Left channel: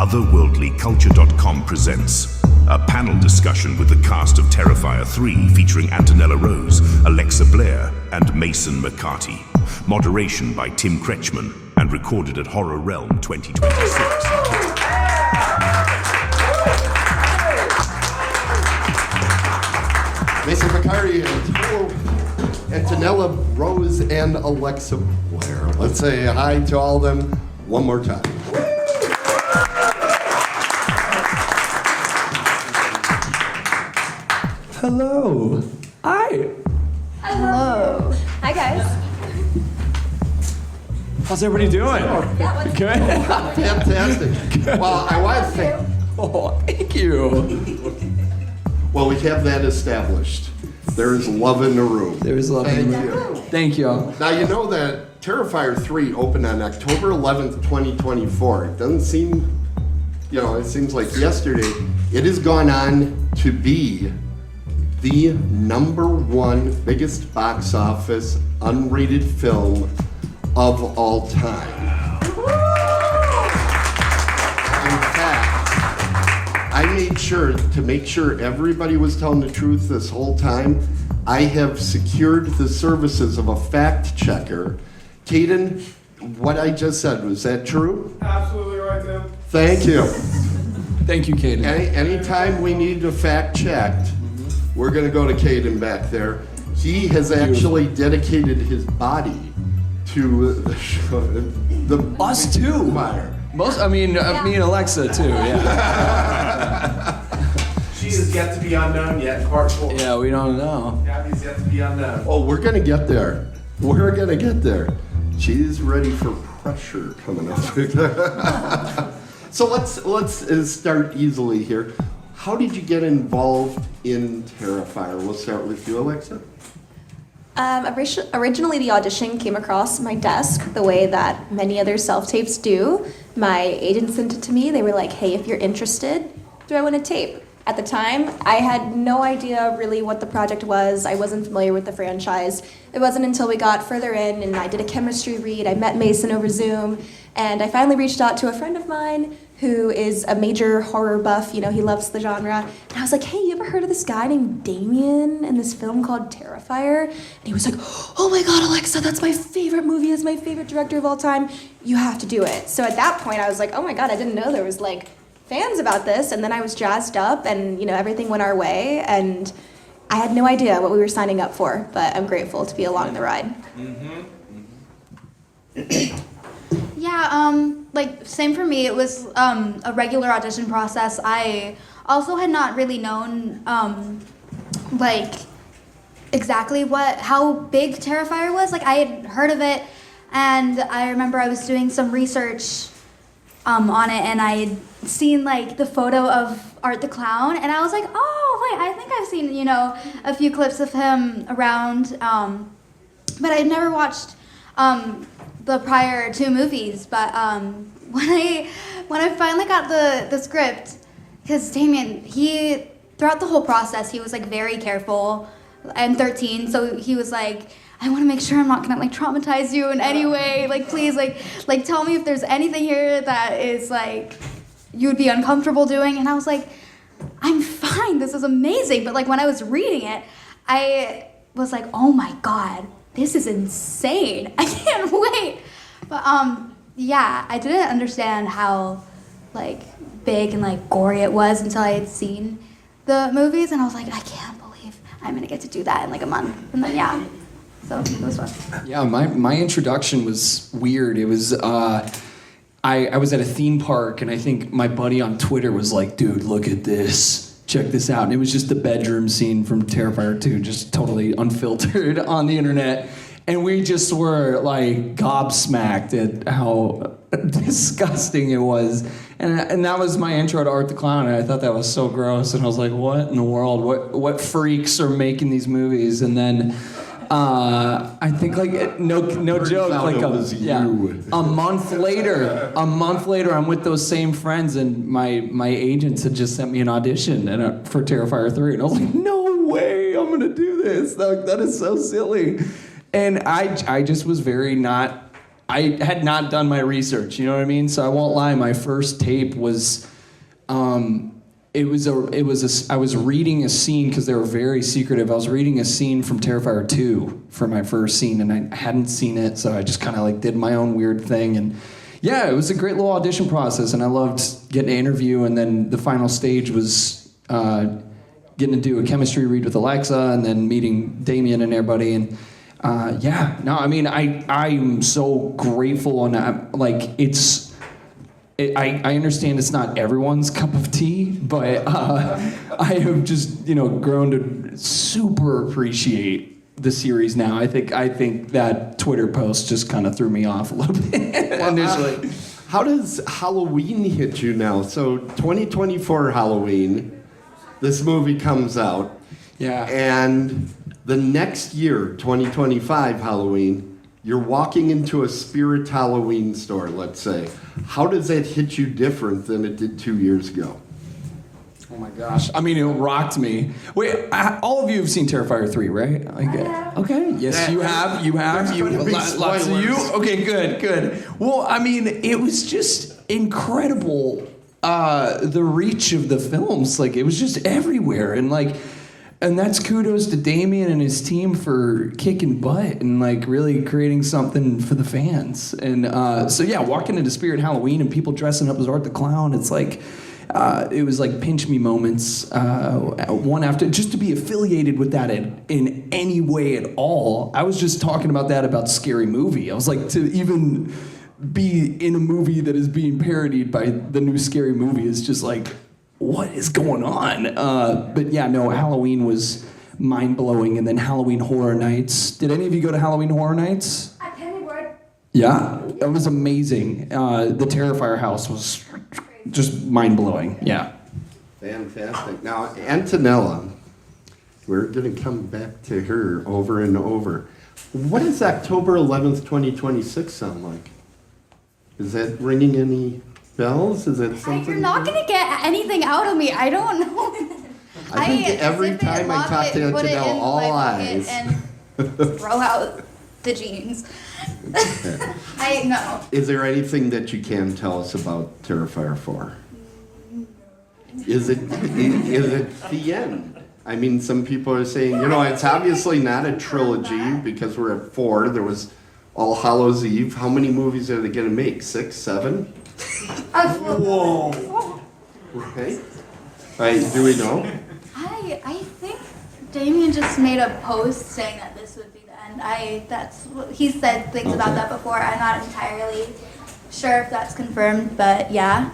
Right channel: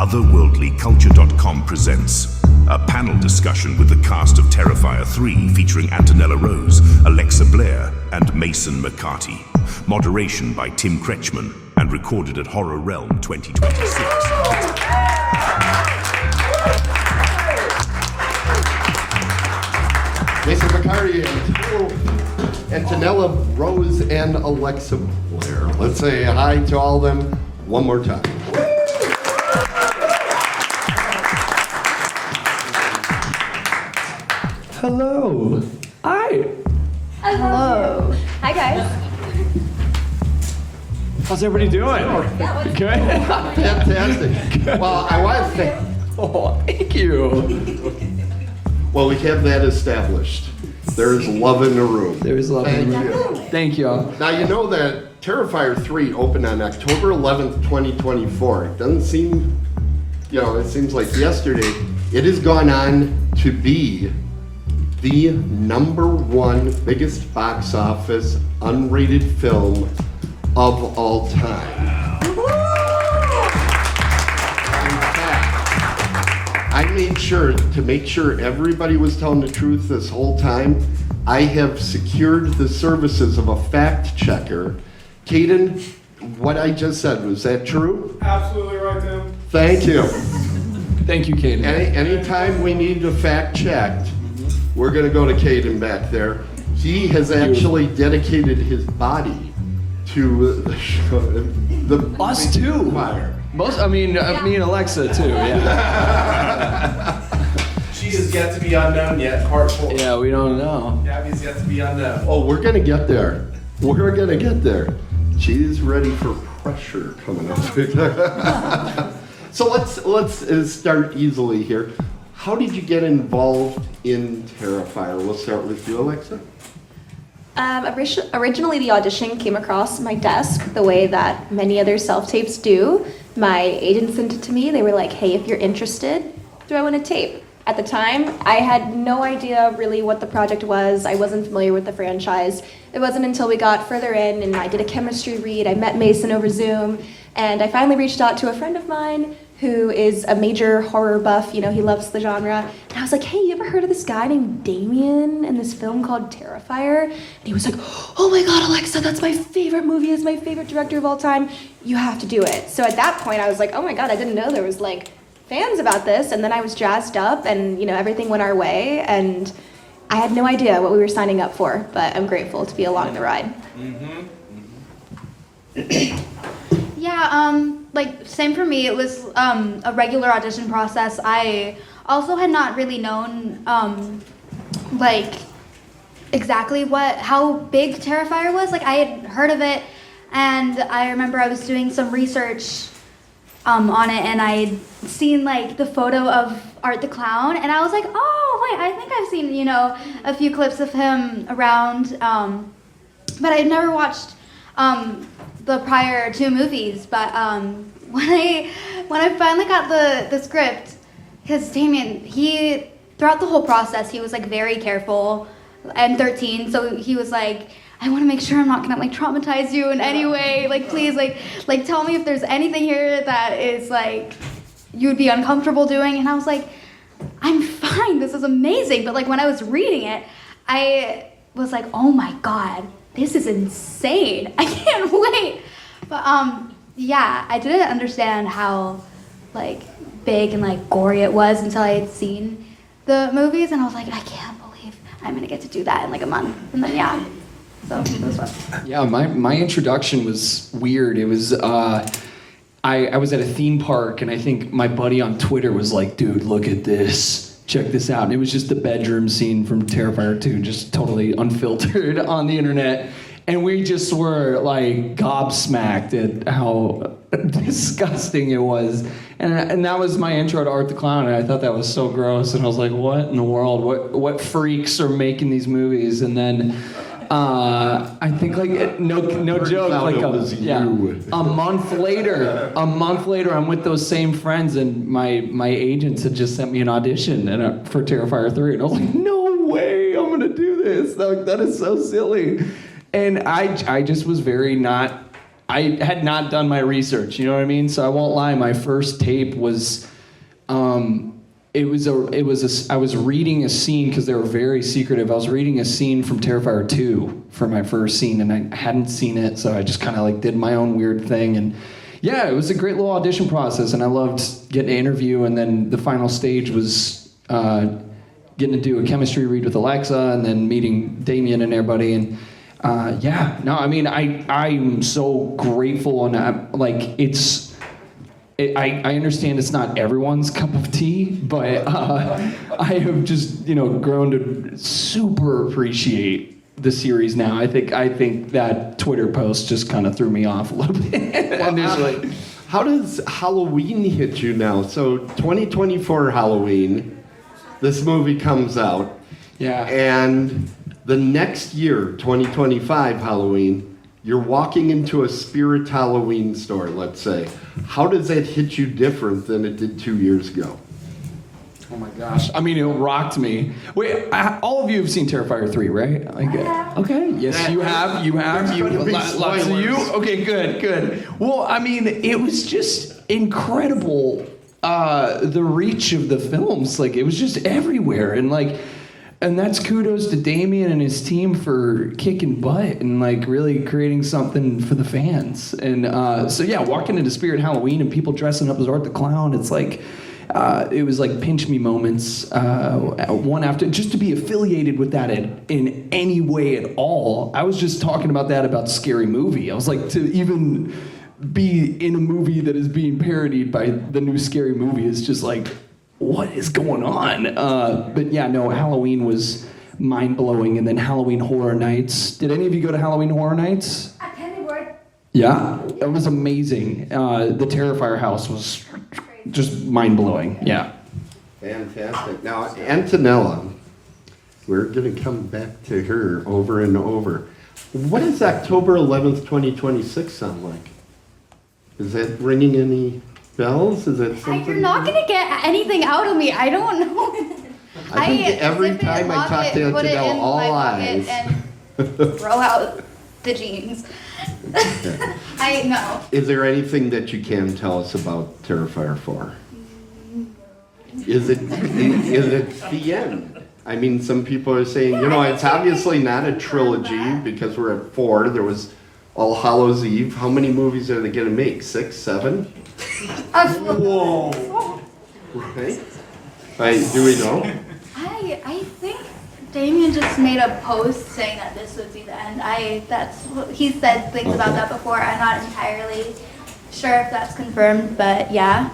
Otherworldlyculture.com presents a panel discussion with the cast of Terrifier 3 featuring Antonella Rose, Alexa Blair, and Mason Mecartea. Moderation by Tim Kretschmann and recorded at Horror Realm 2026. Mason Mecartea, Antonella Rose, and Alexa Blair. Let's say hi to all of them one more time. Hello. Hi. Hello. Hi, guys. How's everybody doing? Yeah, what's Good? Fantastic. Well, I want to say, Thank you. well, we have that established. There's love in the room. There's love in the Thank room. you. Thank you. Now, you know that Terrifier 3 opened on October 11th, 2024. It doesn't seem, it seems like yesterday. It has gone on to be the #1 biggest box office unrated film of all time. In fact, I made sure to make sure everybody was telling the truth this whole time. I have secured the services of a fact checker. Caden, what I just said, was that true? Absolutely right, Tim. Thank you. Thank you, Katie. Anytime we need a fact checked, we're going to go to Caden back there. He has actually dedicated his body to the Us too. Fire. Me and Alexa too. Yeah. She is yet to be unknown yet, part 4. Yeah, we don't know. Gabby's yet to be unknown. Oh, we're going to get there. We're going to get there. She's ready for pressure coming up. So let's start easily here. How did you get involved in Terrifier? We'll start with you, Alexa. Originally, the audition came across my desk the way that many other self-tapes do. My agent sent it to me. They were like, hey, if you're interested, do I want a tape? At the time, I had no idea really what the project was. I wasn't familiar with the franchise. It wasn't until we got further in and I did a chemistry read. I met Mason over Zoom, and I finally reached out to a friend of mine who is a major horror buff. He loves the genre. And I was like, hey, you ever heard of this guy named Damien in this film called Terrifier? And he was like, oh my God, Alexa, that's my favorite movie. He's my favorite director of all time. You have to do it. So at that point, I was like, oh my God, I didn't know there was fans about this. And then I was jazzed up and, everything went our way. And I had no idea what we were signing up for, but I'm grateful to be along the ride. Yeah, same for me. It was a regular audition process. I also had not really known, exactly how big Terrifier was. I had heard of it, and I remember I was doing some research on it, and I had seen, the photo of Art the Clown, and I was like, oh, wait, I think I've seen, a few clips of him around, but I had never watched the prior 2 movies, but when I finally got the script, because Damien, throughout the whole process, he was very careful. I'm 13, so he was like, I want to make sure I'm not gonna traumatize you in any way. Please, tell me if there's anything here that is you would be uncomfortable doing. And I was like, I'm fine. This is amazing. But when I was reading it, I was like, oh my God. This is insane. I can't wait. But yeah, I didn't understand how big and gory it was until I had seen the movies, and I was like, I can't believe I'm gonna get to do that in a month. And then yeah, so it was fun. Yeah, my introduction was weird. It was I was at a theme park, and I think my buddy on Twitter was like, dude, look at this. Check this out. And it was just the bedroom scene from Terrifier 2, just totally unfiltered on the internet. And we just were gobsmacked at how disgusting it was. And that was my intro to Art the Clown, and I thought that was so gross. And I was like, what in the world? What freaks are making these movies? And then I think no joke, a month later, I'm with those same friends, and my agents had just sent me an audition for Terrifier 3, and I was like, no way, I'm gonna do this. That is so silly. And I just was very not I had not done my research, you know what I mean? So I won't lie, my first tape was, I was reading a scene, because they were very secretive. I was reading a scene from Terrifier 2 for my first scene, and I hadn't seen it, so I just kind of like did my own weird thing. And yeah, it was a great little audition process, and I loved getting an interview, and then the final stage was getting to do a chemistry read with Alexa, and then meeting Damien and everybody. And I'm so grateful, and I understand it's not everyone's cup of tea, but I have just grown to super appreciate the series now. I think that Twitter post just kind of threw me off a little bit initially. How does Halloween hit you now? So 2024 Halloween, this movie comes out. Yeah. And the next year, 2025 Halloween, you're walking into a Spirit Halloween store, let's say. How does that hit you different than it did 2 years ago? Oh my gosh. I mean, it rocked me. Wait, all of you have seen Terrifier 3, right? Okay. Yes, you have. Lots of you? Okay, good. Well, I mean, it was just incredible, the reach of the films. Like, it was just everywhere. And that's kudos to Damien and his team for kicking butt and really creating something for the fans. And walking into Spirit Halloween and people dressing up as Art the Clown, it's it was like pinch me moments, one after, just to be affiliated with that in any way at all. I was just talking about that about Scary Movie. I was like, to even be in a movie that is being parodied by the new Scary Movie is just like, what is going on? Halloween was mind-blowing. And then Halloween Horror Nights. Did any of you go to Halloween Horror Nights? At Pennyboard. Yeah, it was amazing. The Terrifier house was just mind-blowing. Yeah. Fantastic. Now, Antonella, we're going to come back to her over and over. What does October 11th, 2026 sound like? Is that ringing any bells? Is that something? You're not going to get anything out of me. I don't know. I think every time I talk to Antonella, all eyes. And throw out the jeans. I know. Is there anything that you can tell us about Terrifier 4? Is it the end? I mean, some people are saying, it's obviously not a trilogy because we're at 4. There was All Hallows Eve. How many movies are they going to make? 6, 7? Whoa. Right? Do we know? I think Damien just made a post saying that this would be the end. He said things about that before. I'm not entirely sure if that's confirmed, but yeah.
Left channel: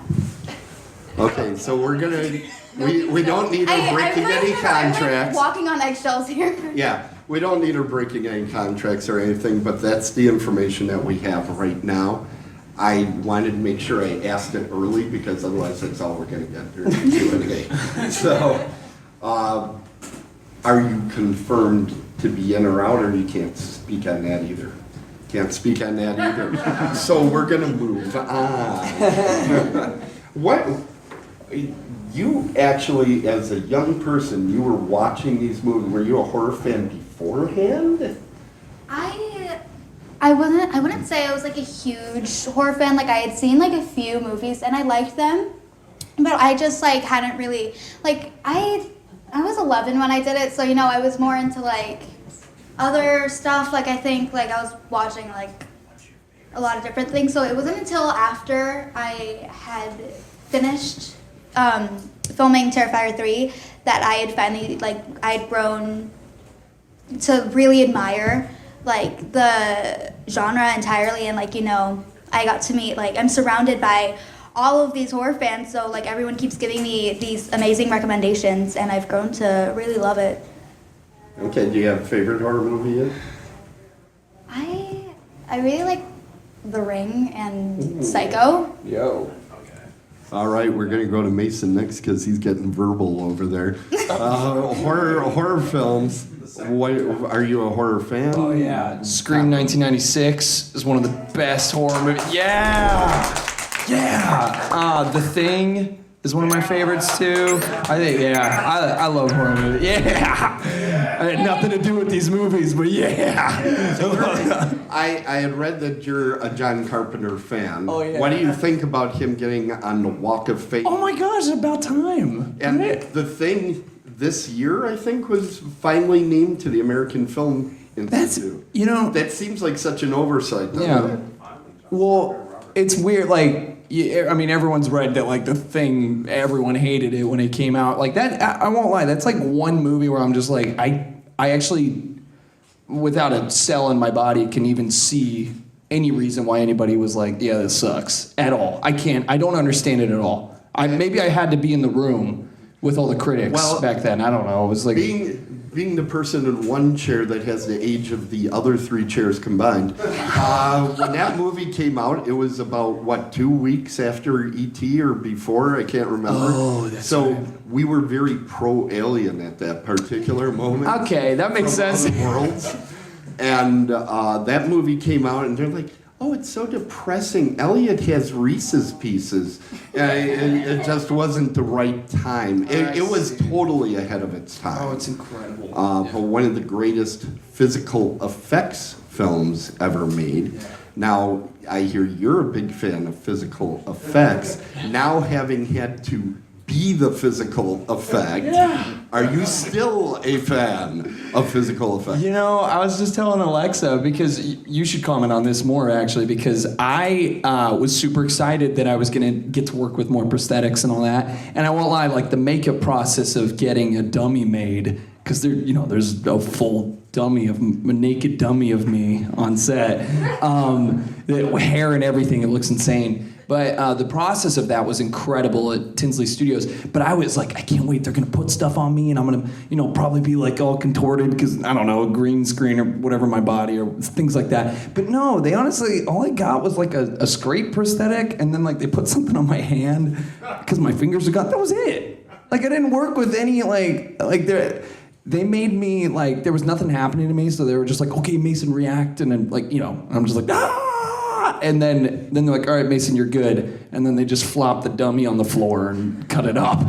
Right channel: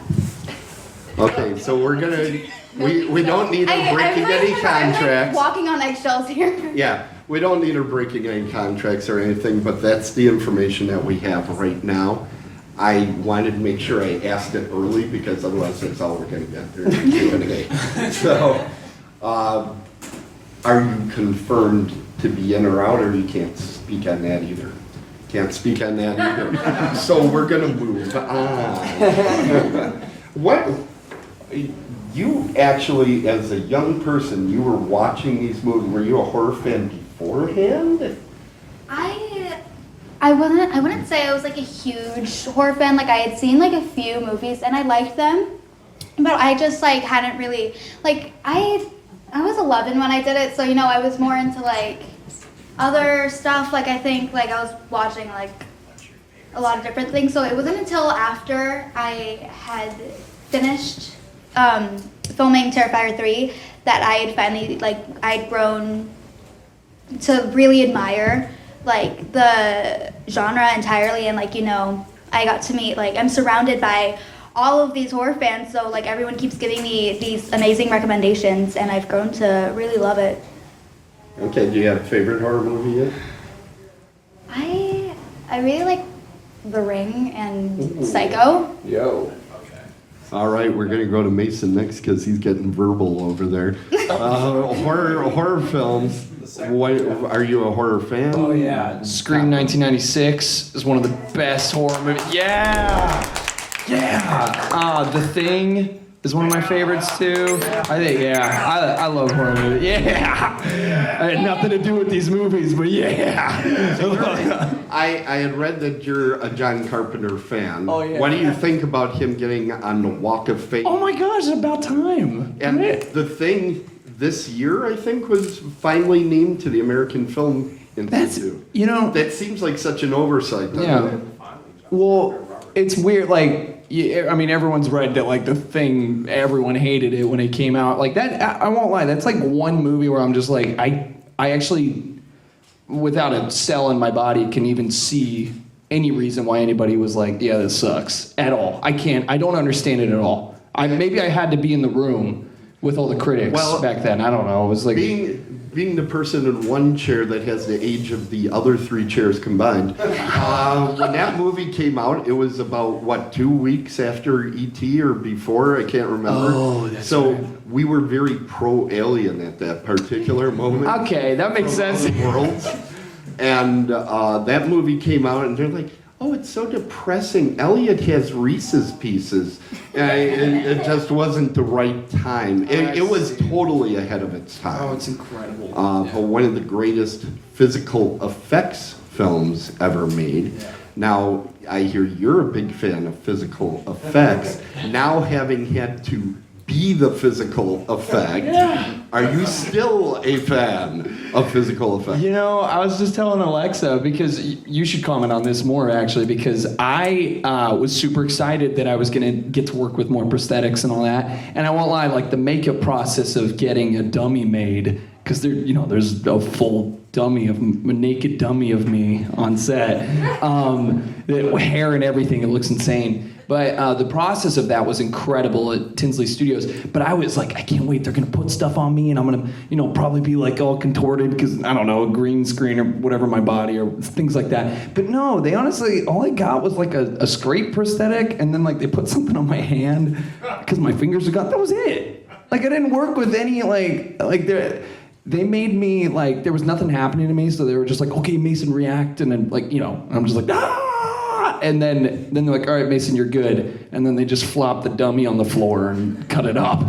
Okay, so we're gonna we don't need her breaking any contracts. I'm walking on eggshells here. Yeah, we don't need her breaking any contracts or anything, but that's the information that we have right now. I wanted to make sure I asked it early because otherwise that's all we're going to get during the Q&A. So, are you confirmed to be in or out, or you can't speak on that either? Can't speak on that either. So we're going to move on. What? You actually, as a young person, you were watching these movies. Were you a horror fan beforehand? I wouldn't say I was like a huge horror fan. Like I had seen like a few movies and I liked them, but I just like hadn't really I was 11 when I did it, so I was more into like other stuff. Like I think like I was watching like a lot of different things. So it wasn't until after I had finished filming Terrifier 3 that I had finally I'd grown to really admire like the genre entirely, and I got to meet I'm surrounded by all of these horror fans, so everyone keeps giving me these amazing recommendations, and I've grown to really love it. Okay, do you have a favorite horror movie yet? I really like The Ring and Psycho. Yo. All right, we're going to go to Mason next because he's getting verbal over there. Horror films. What, are you a horror fan? Oh, yeah. Scream 1996 is one of the best horror movies. Yeah! The Thing, is one of my favorites too. I think, yeah, I love horror movies. Yeah, I had nothing to do with these movies, but yeah. I had read that you're a John Carpenter fan. Oh, yeah. What do you think about him getting on the Walk of Fame? Oh my gosh, about time. And Right? The Thing this year, I think, was finally named to the American Film Institute. That seems like such an oversight. doesn't it? Well, it's weird. Like, I mean, everyone's read that. Like, The Thing, everyone hated it when it came out. Like that. I won't lie. That's like one movie where I'm just like, I actually, without a cell in my body, can even see any reason why anybody was like, yeah, this sucks at all. I don't understand it at all. Maybe I had to be in the room with all the critics back then. I don't know. It was like being the person in one chair that has the age of the other three chairs combined. When that movie came out, it was about 2 weeks after E.T. or before. I can't remember. Oh, that's right. We were very pro-alien at that particular moment. Okay, that makes sense. Worlds. And that movie came out, and they're like, oh, it's so depressing. Elliot has Reese's Pieces. It just wasn't the right time. It was totally ahead of its time. Oh, it's incredible. But one of the greatest physical effects films ever made. Yeah. Now, I hear you're a big fan of physical effects. Now, having had to be the physical effect, are you still a fan of physical effects? I was just telling Alexa, because you should comment on this more, actually, because I was super excited that I was going to get to work with more prosthetics and all that. And I won't lie, like the makeup process of getting a dummy made, because there's a full dummy a naked dummy of me on set, the hair and everything, it looks insane. But the process of that was incredible at Tinsley Studios. But I was like, I can't wait. They're going to put stuff on me, and I'm going to, probably be like all contorted because, I don't know, a green screen or whatever my body or things like that. But no, they honestly, all I got was like a straight prosthetic, and then like they put something on my hand because my fingers are gone. That was it. Like I didn't work with any they made me like there was nothing happening to me, so they were just like, okay, Mason, react, and then like I'm just like and then they're like, all right, Mason, you're good. And then they just flopped the dummy on the floor and cut it up.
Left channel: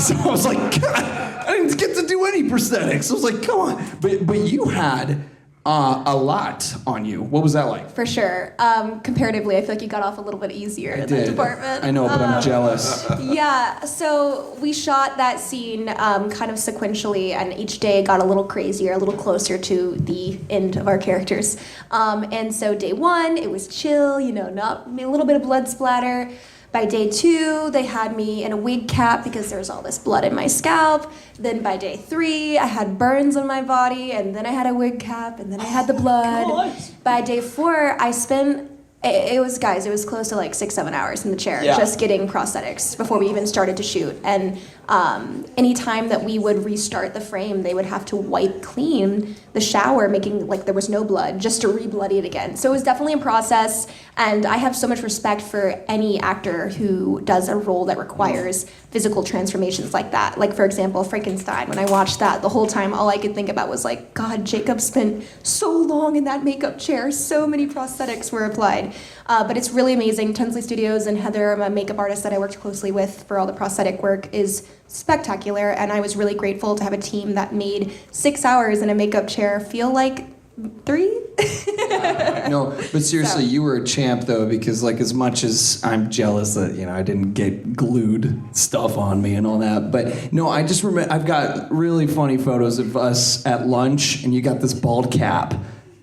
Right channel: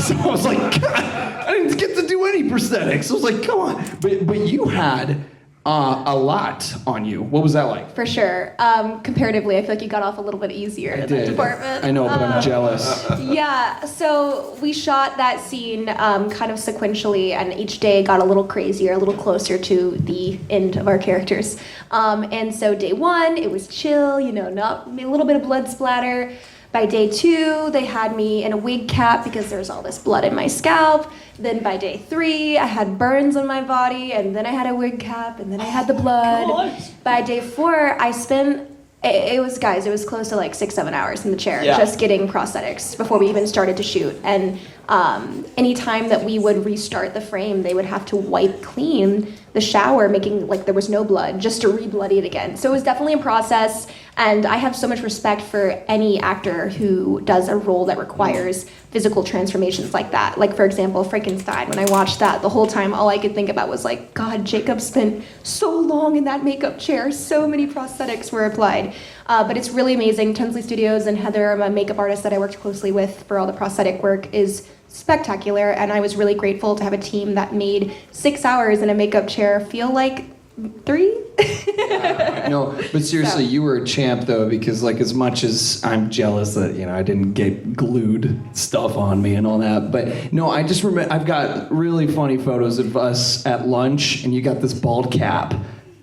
So I was like, God, I didn't get to do any prosthetics. I was like, come on. But you had a lot on you. What was that like? For sure. Comparatively, I feel like you got off a little bit easier in that department. I know, but I'm jealous. Yeah, so we shot that scene kind of sequentially, and each day got a little crazier, a little closer to the end of our characters. And so day one, it was chill, not a little bit of blood splatter. By day 2, they had me in a wig cap because there was all this blood in my scalp. Then by day 3, I had burns on my body, and then I had a wig cap, and then I had the blood. By day 4, I spent, it was close to like 6-7 hours in the chair just getting prosthetics before we even started to shoot. And anytime that we would restart the frame, they would have to wipe clean the shower, making like there was no blood, just to re-bloody it again. So it was definitely a process, and I have so much respect for any actor who does a role that requires physical transformations like that. Like, for example, Frankenstein, when I watched that, the whole time all I could think about was like, God, Jacob spent so long in that makeup chair, so many prosthetics were applied. But it's really amazing. Tinsley Studios and Heather, my makeup artist that I worked closely with for all the prosthetic work, is spectacular, and I was really grateful to have a team that made 6 hours in a makeup chair feel like 3. No, but seriously, you were a champ though, because like as much as I'm jealous that I didn't get glued stuff on me and all that, but no, I just remember I've got really funny photos of us at lunch, and you got this bald cap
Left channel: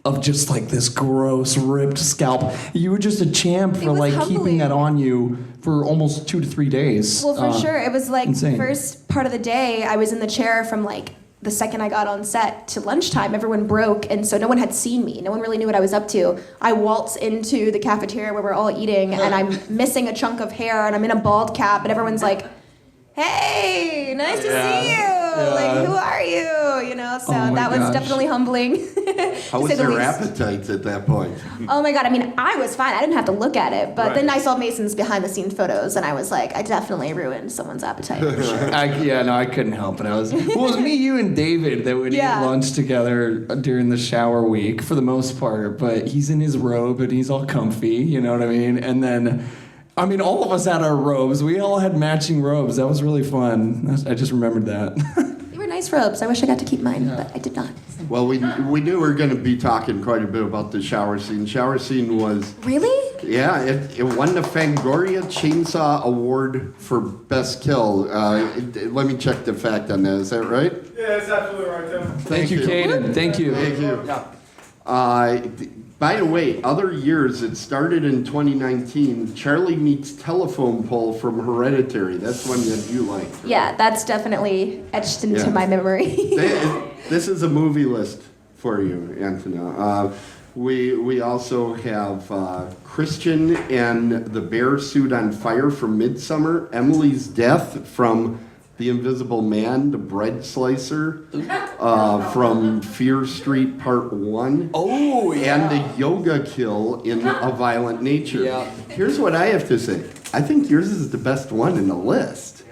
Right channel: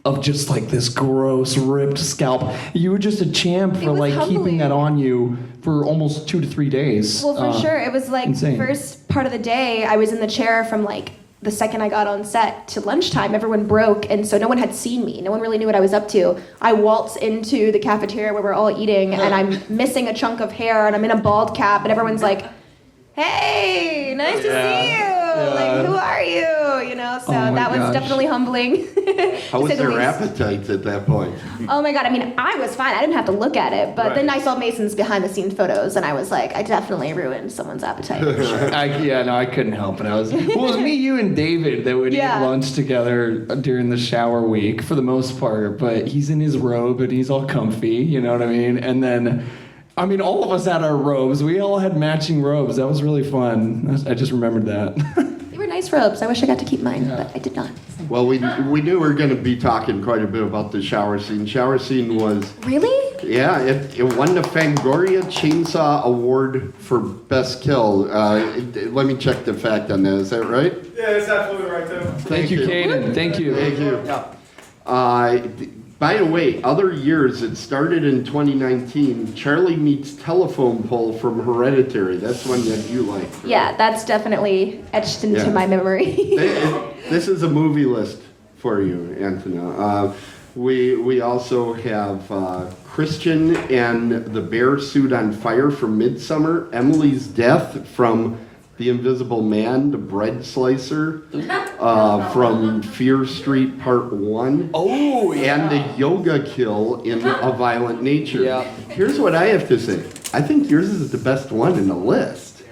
of just like this gross ripped scalp. You were just a champ for like keeping that on you for almost 2 to 3 days. Well, for sure. It was like insane. The first part of the day, I was in the chair from like the second I got on set to lunchtime. Everyone broke, and so no one had seen me. No one really knew what I was up to. I waltz into the cafeteria where we're all eating, and I'm missing a chunk of hair, and I'm in a bald cap, and everyone's like, hey, nice to see you. Like, who are you? So that was definitely humbling. How was their appetite at that point? Oh my God, I mean, I was fine. I didn't have to look at it, but then I saw Mason's behind-the-scenes photos, and I was like, I definitely ruined someone's appetite for sure. I couldn't help it. It was me, you, and David that would eat lunch together during the shower week for the most part, but he's in his robe, and he's all comfy, you know what I mean? And then I mean, all of us had our robes. We all had matching robes. That was really fun. I just remembered that. They were nice robes. I wish I got to keep mine, but I did not. Well, we knew we were going to be talking quite a bit about the shower scene. Shower scene was... Really? Yeah, it won the Fangoria Chainsaw Award for Best Kill. Let me check the fact on that. Is that right? Yeah, it's absolutely right, Tim. Thank you, Kaden. Thank you. Thank you. By the way, other years, it started in 2019. Charlie Meets Telephone Pole from Hereditary. That's one that you like. Yeah, that's definitely etched into Yeah. my memory. This is a movie list for you, Antonella. We also have Christian and the Bear Suit on Fire from Midsummer, Emily's Death from The Invisible Man, The Bread Slicer from Fear Street Part 1. Oh, yeah. And the Yoga Kill in A Violent Nature. Yeah. Here's what I have to say. I think yours is the best one in the list.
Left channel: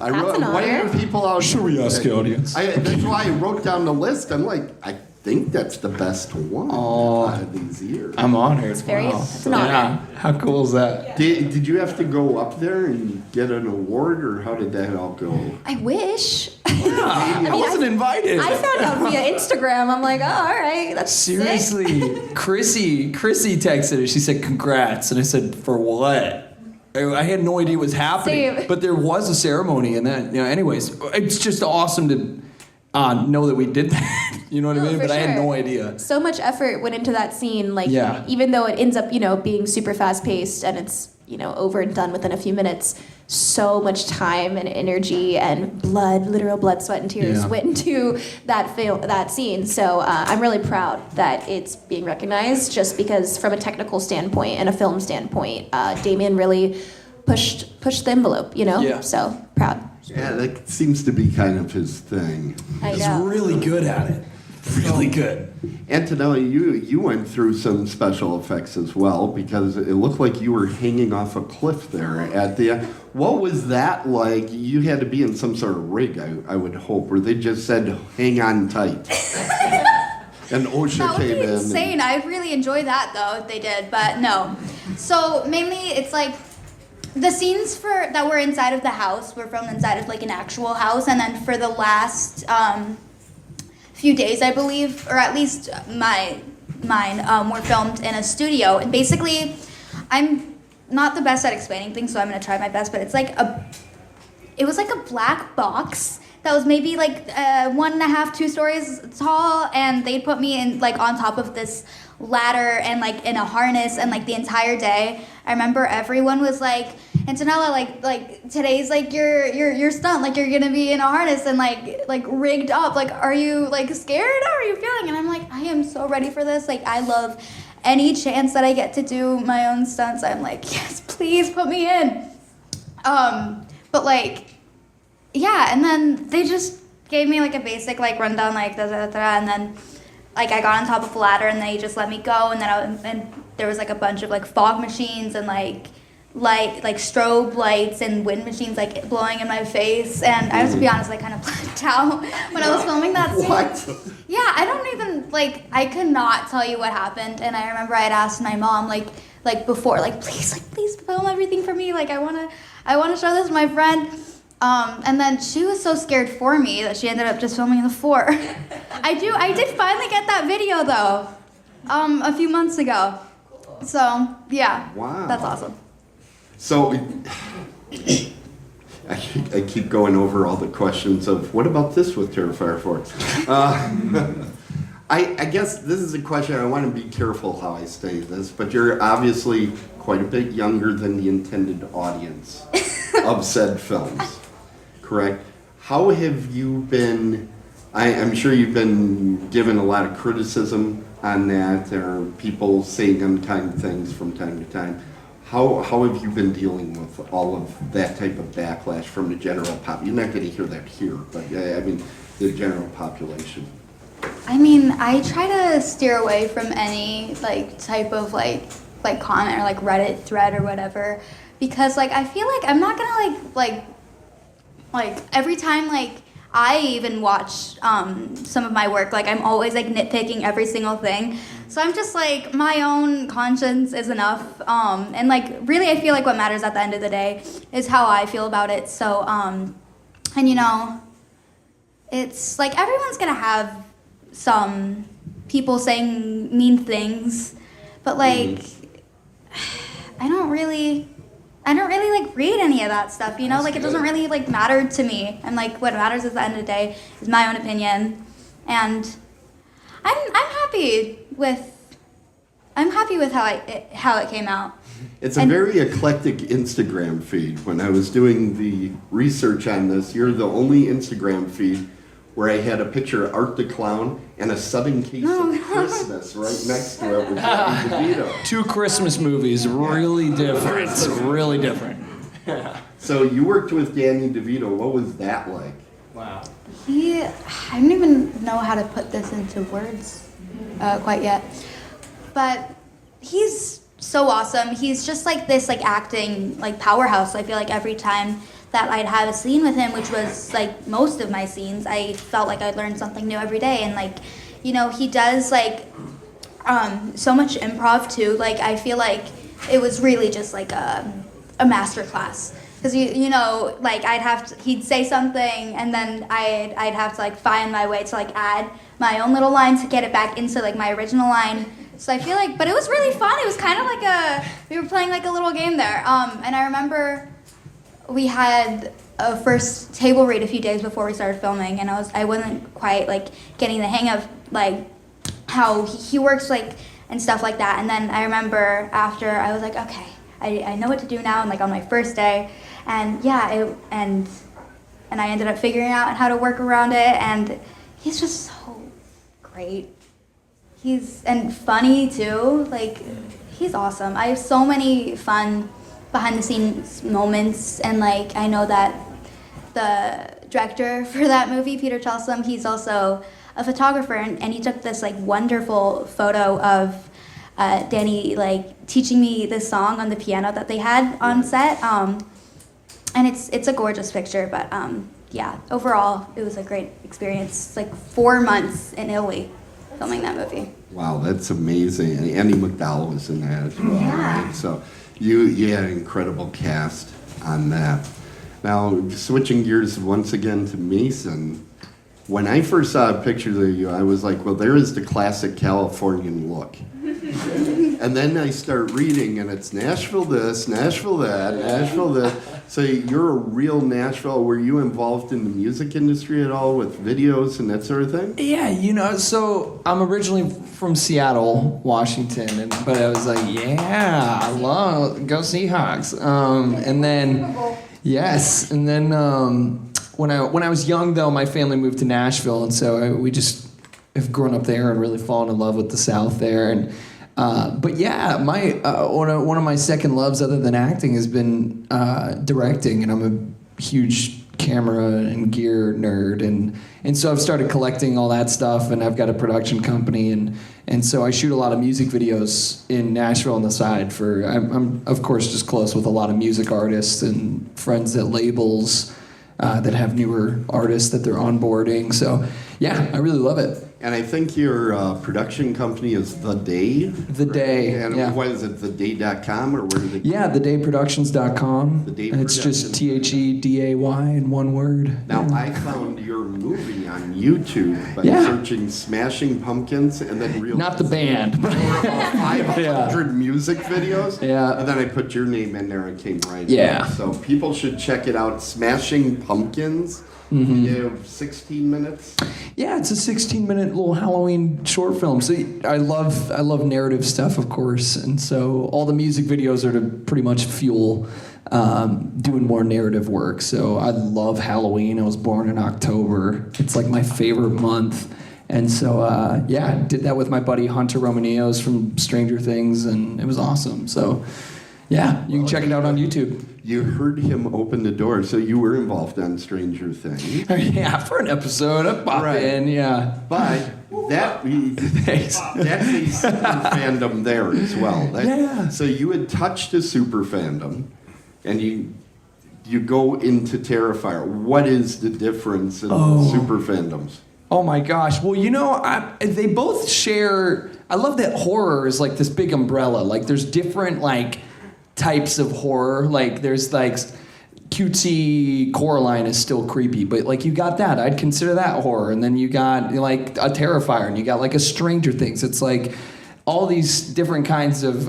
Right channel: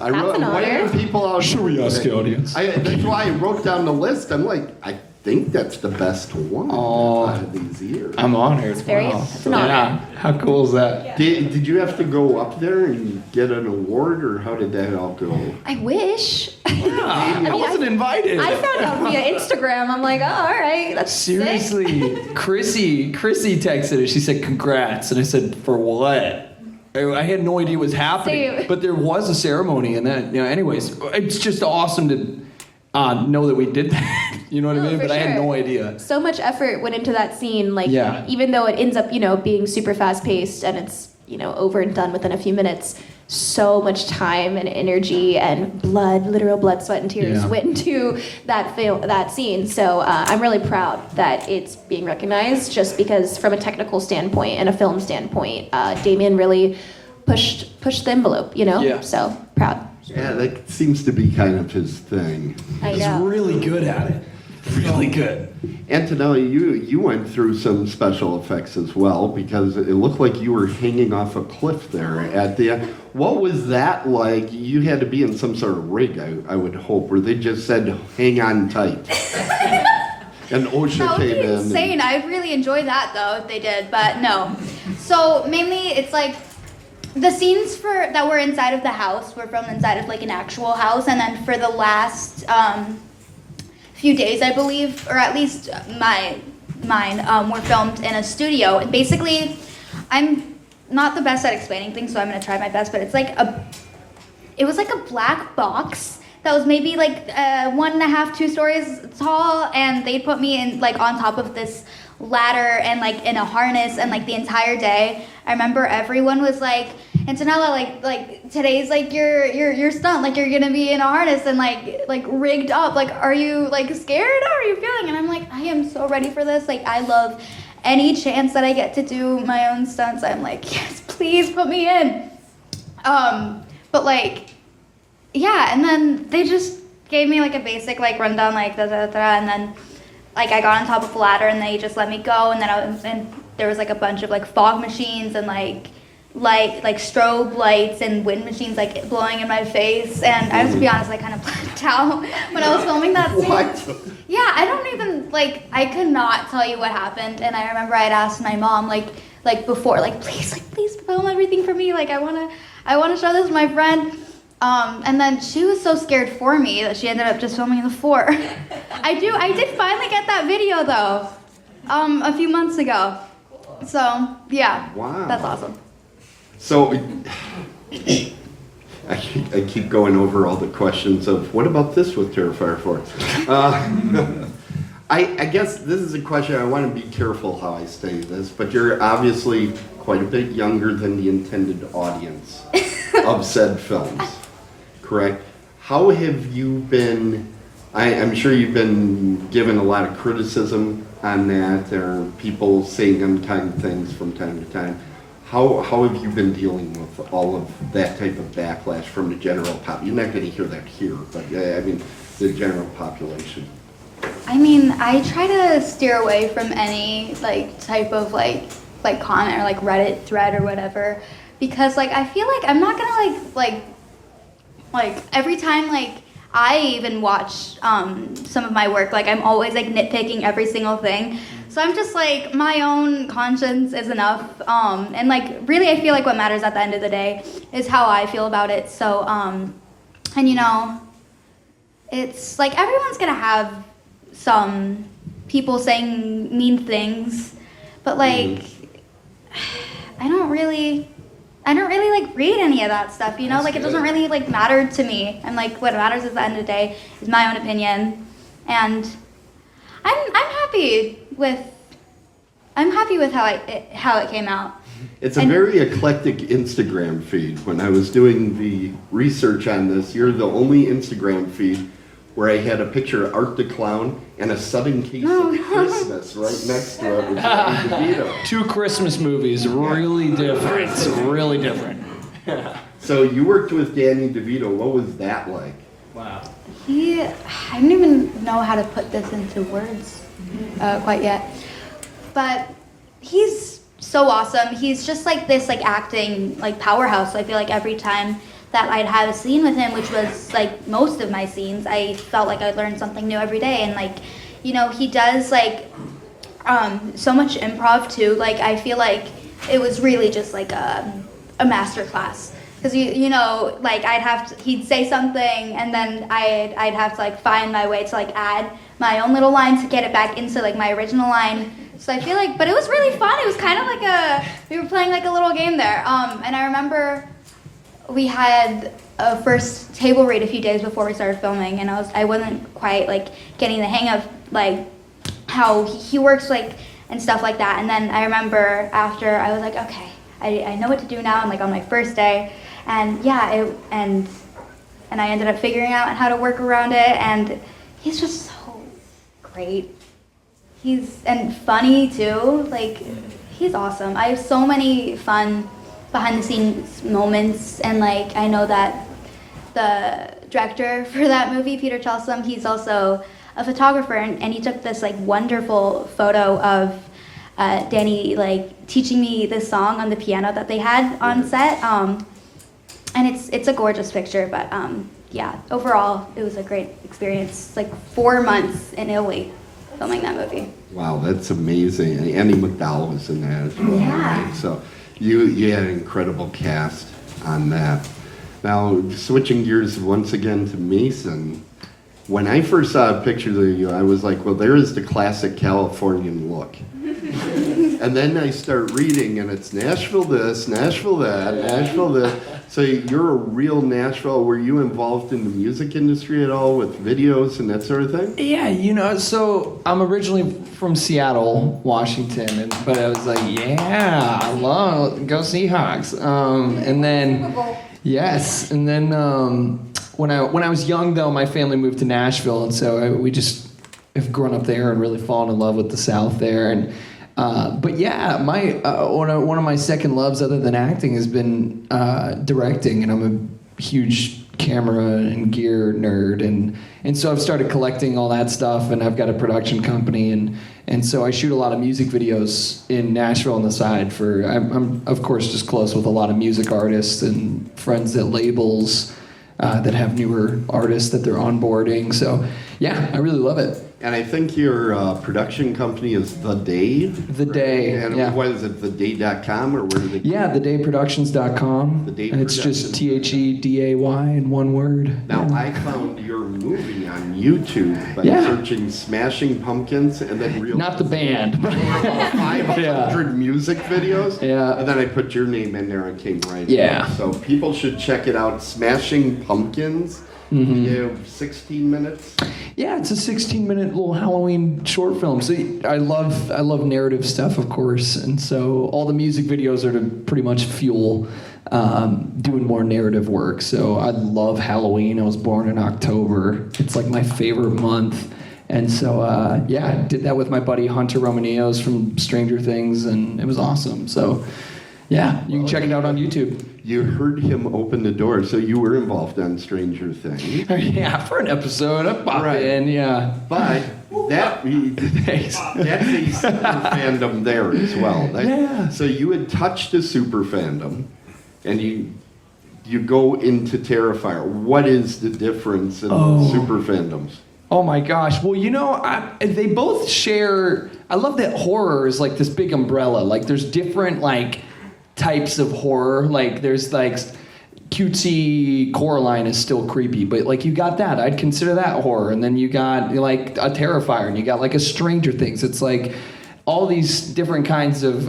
I That's wrote, an why honor. are people out? Should we ask the audience? That's why I wrote down the list. I'm like, I think that's the best one out of these years. I'm honored. It's an honor. Yeah. How cool is that? Did you have to go up there and get an award, or how did that all go? I wish. I wasn't invited. I found out via Instagram. I'm like, oh, all right, that's sick. Seriously, Chrissy texted us. She said, "Congrats," and I said, "For what?" I had no idea what was happening, Same. but there was a ceremony, and then anyways, it's just awesome to know that we did that. You know what I mean? for But I had sure. no idea. So much effort went into that scene. Like, Yeah. even though it ends up, being super fast paced and it's, over and done within a few minutes, so much time and energy and blood, literal blood, sweat, and tears Yeah. went into that scene. So I'm really proud that it's being recognized, just because from a technical standpoint and a film standpoint, Damien really pushed the envelope. Yeah. So proud. Yeah, that seems to be kind of his thing. I He's know. really good at it. Really good. Antonella, you went through some special effects as well, because it looked like you were hanging off a cliff there at the end. What was that like? You had to be in some sort of rig, I would hope, where they just said, hang on tight. And OSHA That would be came in. insane. I really enjoyed that though if they did, but no. So mainly it's like the scenes that were inside of the house were from inside of like an actual house, and then for the last few days, I believe, or at least mine were filmed in a studio. And basically, I'm not the best at explaining things, so I'm gonna try my best. But it was like a black box that was maybe like 1.5, 2 stories tall, and they put me in like on top of this ladder and like in a harness, and like the entire day I remember everyone was like, Antonella, like today's like your stunt, like you're gonna be in a harness and like rigged up, like are you like scared? How are you feeling? And I'm like, I am so ready for this. Like I love any chance that I get to do my own stunts. I'm like, yes, please put me in. But like, yeah, and then they just gave me like a basic like rundown, like and then like I got on top of the ladder and they just let me go, and then and there was like a bunch of like fog machines and like strobe lights and wind machines like blowing in my face, and I have to be honest, I kind of blacked out when I was filming that scene. What? Yeah, I don't even I could not tell you what happened, and I remember I'd asked my mom like before, please film everything for me, like I wanna show this to my friend. And then she was so scared for me that she ended up just filming the 4. I did finally get that video though, a few months ago. So yeah, Wow. that's awesome. So, I keep going over all the questions of, what about this with Terrifier 4? I guess this is a question, I want to be careful how I say this, but you're obviously quite a bit younger than the intended audience of said films, correct? How have you been, I'm sure you've been given a lot of criticism on that, or people saying unkind things from time to time. How have you been dealing with all of that type of backlash from the general pop? You're not going to hear that here, but I mean, the general population. I mean, I try to steer away from any type of like comment or like Reddit thread or whatever, because I feel like I'm not gonna like every time I even watch some of my work, I'm always nitpicking every single thing. So I'm just like, my own conscience is enough. And like, really, I feel like what matters at the end of the day is how I feel about it. So, and you know, it's like everyone's gonna have some people saying mean things, but like, I don't really like read any of that stuff, you know. That's like, it good. doesn't really like matter to me. And like, what matters at the end of the day is my own opinion, and I'm happy with how it came out. It's a And- very eclectic Instagram feed. When I was doing the research on this, you're the only Instagram feed where I had a picture of Art the Clown and a sudden case of Christmas right next to it with Danny DeVito. 2 Christmas movies, really different. Really different. So you worked with Danny DeVito. What was that like? Wow. I don't even know how to put this into words quite yet. But he's so awesome. He's just like this like acting like powerhouse. I feel like every time that I'd have a scene with him, which was like most of my scenes, I felt like I'd learn something new every day. And like, you know, he does like so much improv too. Like, I feel like it was really just like a master class. Because you know, like he'd say something, and then I'd have to like find my way to like add my own little line to get it back into like my original line. So I feel like, but it was really fun. It was kind of like we were playing like a little game there. And I remember we had a first table read a few days before we started filming, and I wasn't quite like getting the hang of like how he works like and stuff like that. And then I remember after I was like, okay, I know what to do now. And like on my first day. And yeah, and I ended up figuring out how to work around it, and he's just so great. And funny too, like he's awesome. I have so many fun behind the scenes moments, and like I know that the director for that movie, Peter Chelsom, he's also a photographer, and he took this like wonderful photo of Danny like teaching me this song on the piano that they had on set. And it's a gorgeous picture, but yeah, overall it was a great experience. Like 4 months in Italy filming that movie. Wow, that's amazing. And Andy McDowell was in that as well. Yeah. Right? So you had an incredible cast on that. Now, switching gears once again to Mason, when I first saw a picture of you, I was like, well, there is the classic Californian look. And then I start reading, and it's Nashville this, Nashville that, Nashville this. So you're a real Nashville. Were you involved in the music industry at all with videos and that sort of thing? Yeah, you know, so I'm originally from Seattle, Washington, but I was like, yeah, I love, go Seahawks. And then, yes, and then when I was young, though, my family moved to Nashville, and so we just have grown up there and really fallen in love with the South there. And but yeah, my one of my second loves, other than acting, has been directing, and I'm a huge camera and gear nerd, and so I've started collecting all that stuff, and I've got a production company, and so I shoot a lot of music videos in Nashville on the side for. I'm of course just close with a lot of music artists and friends at labels that have newer artists that they're onboarding. So yeah, I really love it. And I think your production company is The Day. The Day, And yeah. what is it, theday.com, or where did it? Yeah, thedayproductions.com. The Day And it's just Productions. THEDAY in one word. Now, I found your movie on YouTube by Yeah. searching Smashing Pumpkins, and then realized Not the band, but 500 music videos. Yeah. And then I put your name in there and came right Yeah. in. So people should check it out, Smashing Pumpkins. Mm-hmm. We have 16 minutes. yeah, it's a 16-minute little Halloween short film. So I love narrative stuff, of course, and so all the music videos are to pretty much fuel doing more narrative work. So I love Halloween. I was born in October. It's like my favorite month. And so, yeah, I did that with my buddy Hunter Romanios from Stranger Things, and it was awesome. So, yeah, you can check it out on YouTube. You heard him open the door, so you were involved on Stranger Things. Yeah, for an episode, I pop Right. in, yeah. But that's a super fandom there as well. Yeah. So you had touched a super fandom, and you go into Terrifier. What is the difference in super fandoms? Oh my gosh. Well, you know, they both share I love that horror is like this big umbrella. Like there's different like types of horror. Like there's like cutesy Coraline is still creepy, but like you got that. I'd consider that horror. And then you got like a Terrifier, and you got like a Stranger Things. It's like all these different kinds of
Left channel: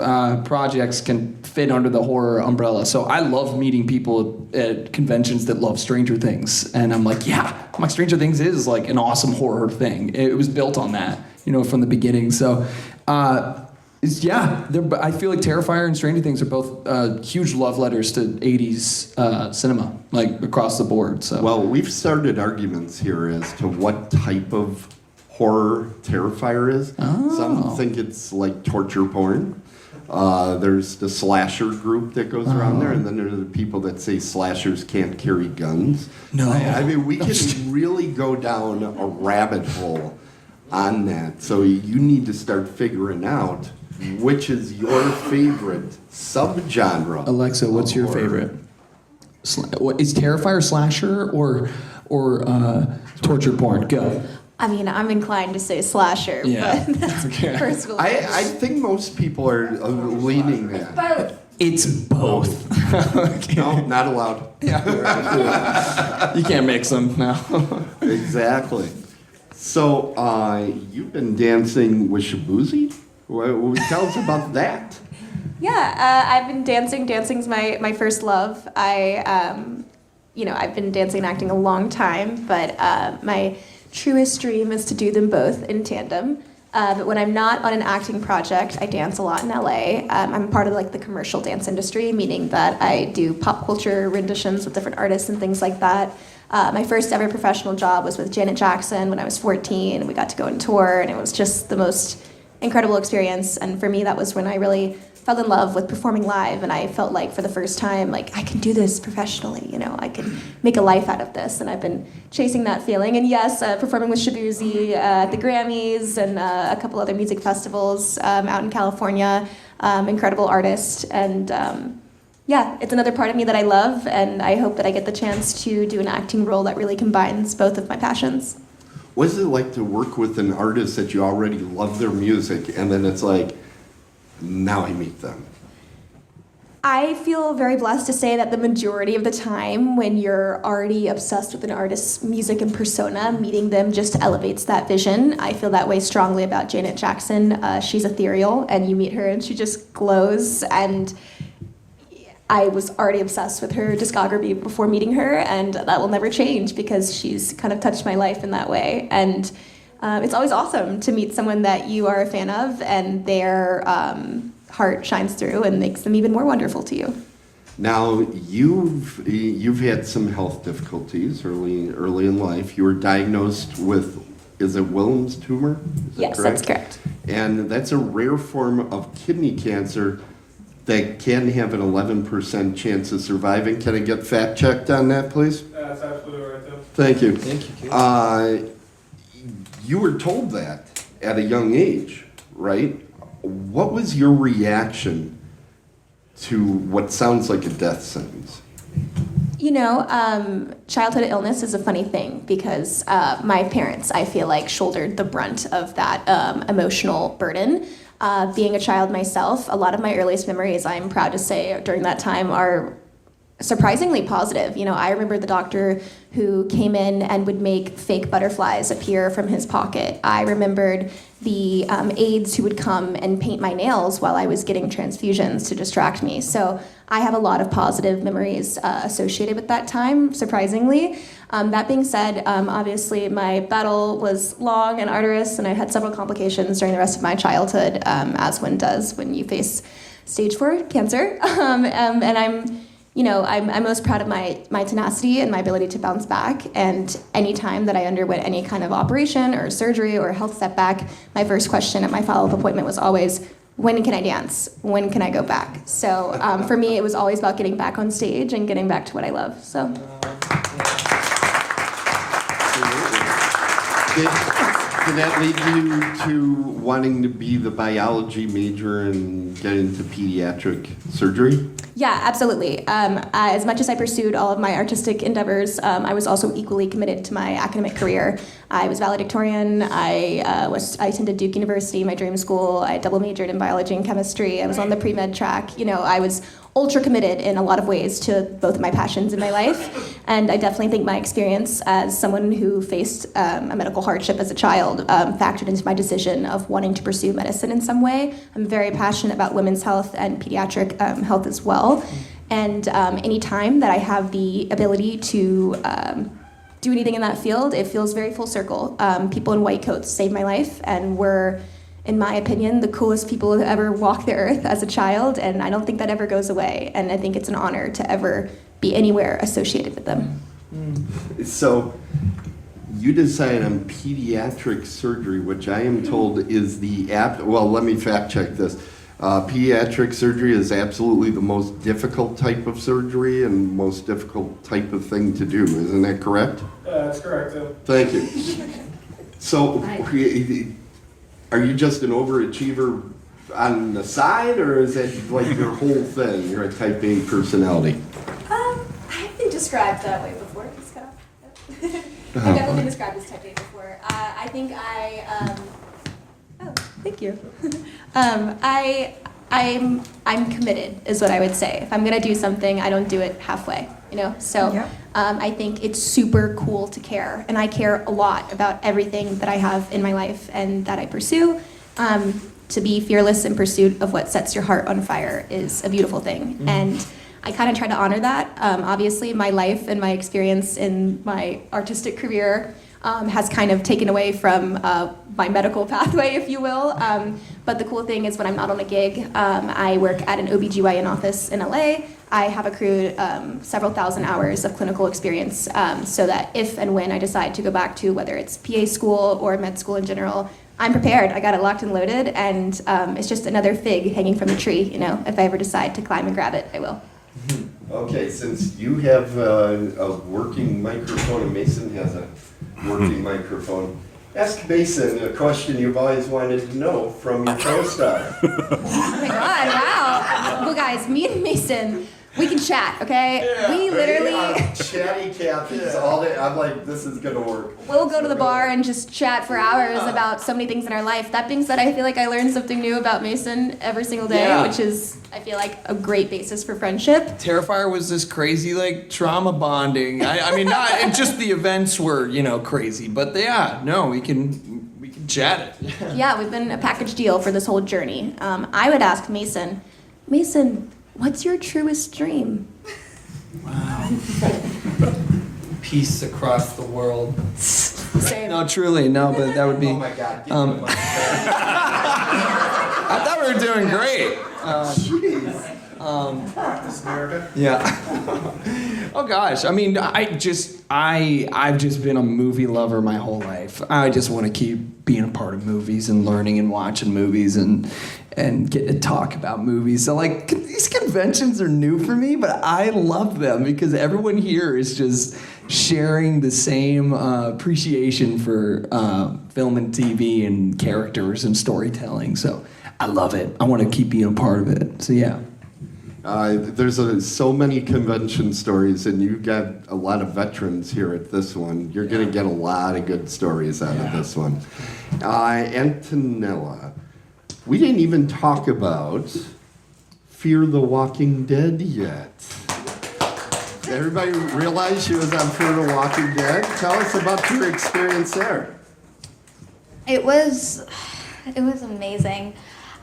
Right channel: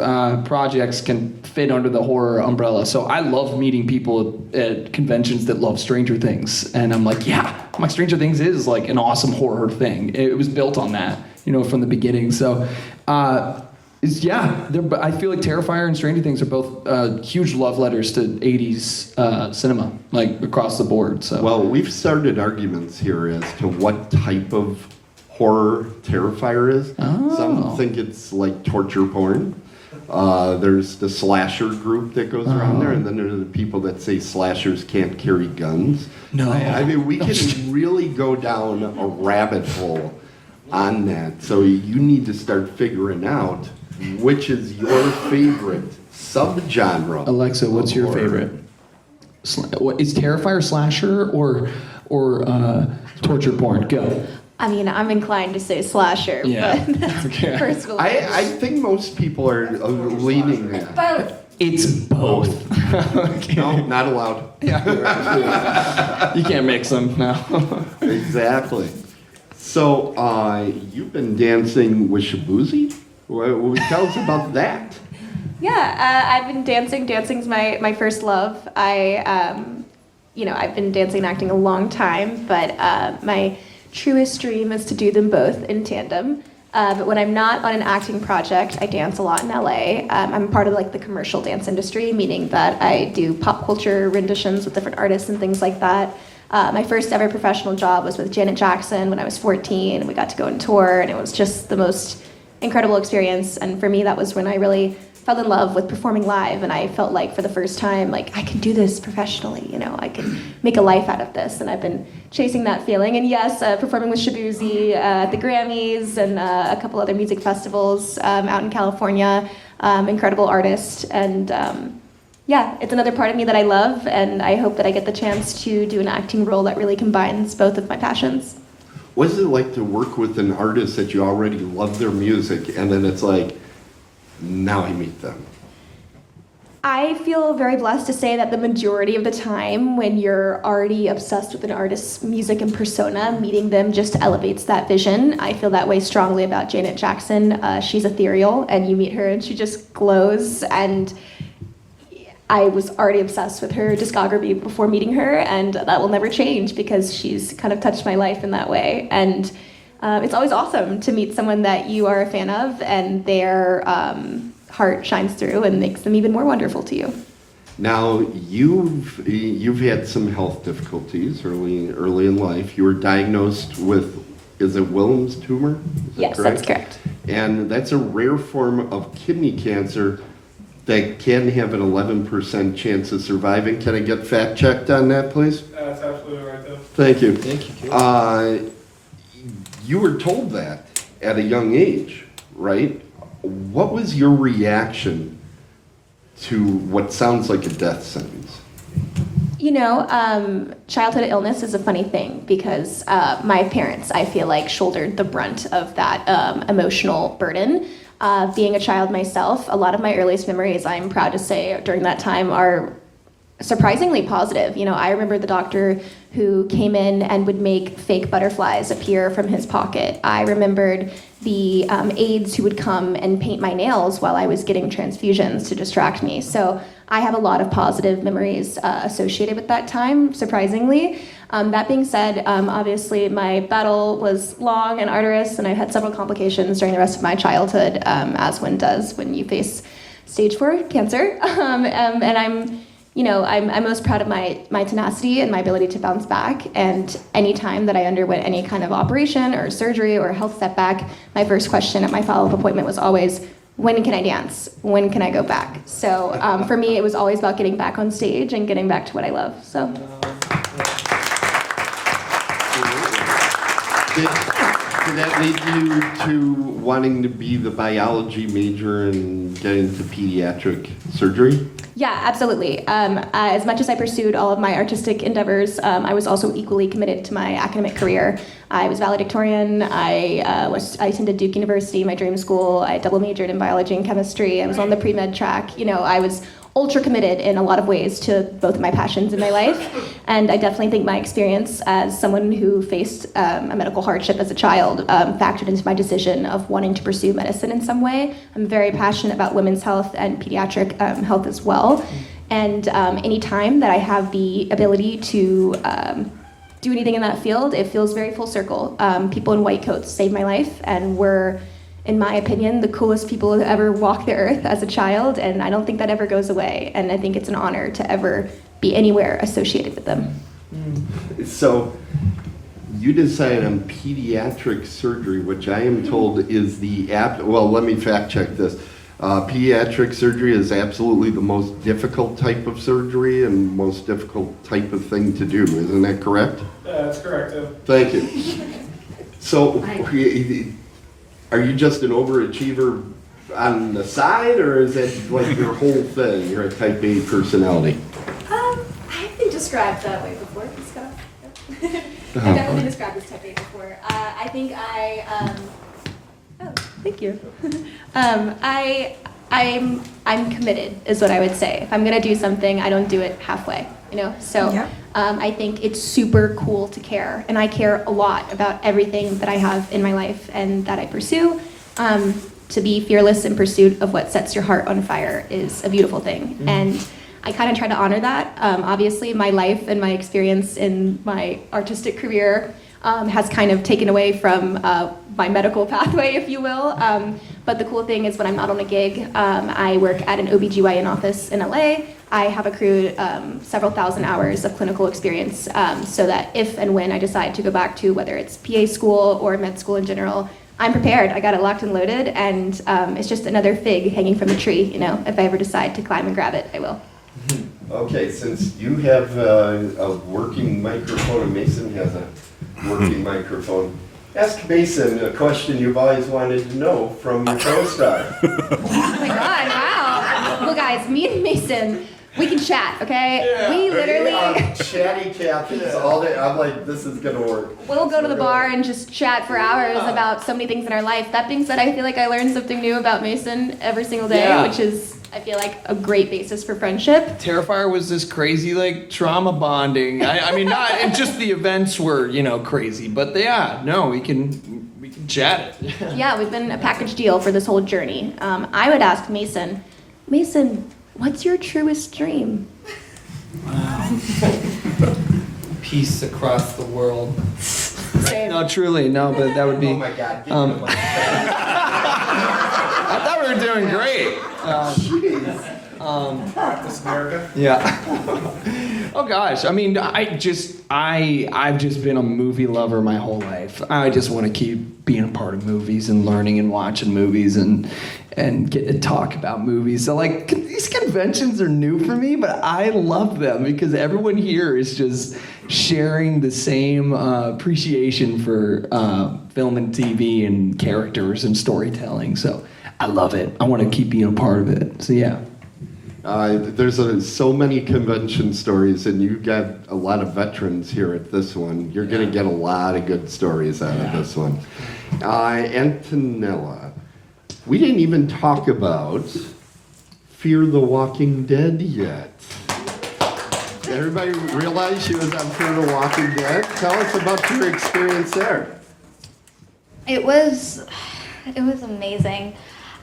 projects can fit under the horror umbrella. So I love meeting people at conventions that love Stranger Things. And I'm like, yeah, my Stranger Things is like an awesome horror thing. It was built on that, from the beginning. So, I feel like Terrifier and Stranger Things are both huge love letters to 80s cinema, like across the board. So, Well, we've started arguments here as to what type of horror Terrifier is. Oh. Some think it's like torture porn. There's the slasher group that goes around there, and then there are the people that say slashers can't carry guns. No. I mean, we can really go down a rabbit hole on that. So you need to start figuring out which is your favorite subgenre. Alexa, what's of your horror. favorite? What is Terrifier slasher or torture porn? Go. I mean, I'm inclined to say slasher, Yeah. but that's Okay. personal. I think most people are leaning that. Both. It's both. Okay. No, not allowed. You can't mix them now. Exactly. So, you've been dancing with Shabuzi? Tell us about that. Yeah, I've been dancing. Dancing's my first love. I've been dancing and acting a long time, but my truest dream is to do them both in tandem. But when I'm not on an acting project, I dance a lot in LA. I'm part of like the commercial dance industry, meaning that I do pop culture renditions with different artists and things like that. My first ever professional job was with Janet Jackson when I was 14, and we got to go on tour, and it was just the most incredible experience. And for me, that was when I really fell in love with performing live, and I felt like for the first time, like I can do this professionally, I can make a life out of this, and I've been chasing that feeling. And yes, performing with Shabuzi at the Grammys and a couple other music festivals out in California, incredible artist, and it's another part of me that I love, and I hope that I get the chance to do an acting role that really combines both of my passions. What is it like to work with an artist that you already love their music, and then it's like, now I meet them? I feel very blessed to say that the majority of the time when you're already obsessed with an artist's music and persona, meeting them just elevates that vision. I feel that way strongly about Janet Jackson. She's ethereal, and you meet her and she just glows, and I was already obsessed with her discography before meeting her, and that will never change because she's kind of touched my life in that way. And it's always awesome to meet someone that you are a fan of, and their heart shines through and makes them even more wonderful to you. Now, you've had some health difficulties early in life. You were diagnosed with, is it Willem's tumor? Is that Yes, correct? that's correct. And that's a rare form of kidney cancer that can have an 11% chance of surviving. Can I get fact checked on that, please? That's absolutely right, though. Thank you. Thank you. You were told that at a young age, right? What was your reaction to what sounds like a death sentence? Childhood illness is a funny thing because my parents, I feel like, shouldered the brunt of that emotional burden. Being a child myself, a lot of my earliest memories, I'm proud to say, during that time are surprisingly positive. I remember the doctor who came in and would make fake butterflies appear from his pocket. I remembered the aides who would come and paint my nails while I was getting transfusions to distract me. So I have a lot of positive memories associated with that time, surprisingly. That being said, obviously my battle was long and arduous, and I had several complications during the rest of my childhood, as one does when you face stage 4 cancer. I'm most proud of my tenacity and my ability to bounce back. And any time that I underwent any kind of operation or surgery or health setback, my first question at my follow-up appointment was always, when can I dance? When can I go back? So for me, it was always about getting back on stage and getting back to what I love. So. Did that lead you to wanting to be the biology major and get into pediatric surgery? Yeah, absolutely. As much as I pursued all of my artistic endeavors, I was also equally committed to my academic career. I was valedictorian. I attended Duke University, my dream school. I double majored in biology and chemistry. I was on the pre-med track. You know, I was ultra committed in a lot of ways to both of my passions in my life. And I definitely think my experience as someone who faced a medical hardship as a child factored into my decision of wanting to pursue medicine in some way. I'm very passionate about women's health and pediatric health as well. And any time that I have the ability to do anything in that field, it feels very full circle. People in white coats saved my life and were, in my opinion, the coolest people to ever walk the earth as a child, and I don't think that ever goes away, and I think it's an honor to ever be anywhere associated with them. So, you decided on pediatric surgery, which I am told is well, let me fact check this. Pediatric surgery is absolutely the most difficult type of surgery and most difficult type of thing to do, isn't that correct? Yeah, that's correct. Thank you. So, are you just an overachiever on the side, or is that like your whole thing? You're a type A personality? I've been described that way before. I've definitely been described as type A before. I think thank you. I'm committed, is what I would say. If I'm gonna do something, I don't do it halfway, you know? So I think it's super cool to care, and I care a lot about everything that I have in my life and that I pursue. To be fearless in pursuit of what sets your heart on fire is a beautiful thing. And I kind of try to honor that. Obviously, my life and my experience in my artistic career has kind of taken away from my medical pathway, if you will. But the cool thing is when I'm not on a gig, I work at an OBGYN office in LA. I have accrued several thousand hours of clinical experience so that if and when I decide to go back to whether it's PA school or med school in general, I'm prepared. I got it locked and loaded, and it's just another fig hanging from the tree. You know, if I ever decide to climb and grab it, I will. Okay, since you have a working microphone and Mason has a working microphone, ask Mason a question you've always wanted to know from your co-star. Oh my God, wow. Well, guys, me and Mason, we can chat, okay? Yeah. We literally... Chatty Cathy's all day. I'm like, this is going to work. We'll go to the bar and just chat for hours about so many things in our life. That being said, I feel like I learn something new about Mason every single day, which is, I feel like, a great basis for friendship. Terrifier was this crazy, like, trauma bonding. I mean, not, and just the events were, you know, crazy. But yeah, no, we can chat it. Yeah, we've been a package deal for this whole journey. I would ask Mason, what's your truest dream? Wow. Peace across the world. No, truly, no, but that would be... Oh my God. I thought we were doing great. This America. Yeah. Oh gosh, I mean, I've just been a movie lover my whole life. I just want to keep being a part of movies and learning and watching movies and get to talk about movies. So like these conventions are new for me, but I love them because everyone here is just sharing the same appreciation for film and TV and characters and storytelling. So I love it. I want to keep being a part of it. So yeah. There's so many convention stories, and you've got a lot of veterans here at this one. You're going to get a lot of good stories out of this one. Antonella, we didn't even talk about Fear the Walking Dead yet. Did everybody realize she was on Fear the Walking Dead? Tell us about your experience there. It was amazing.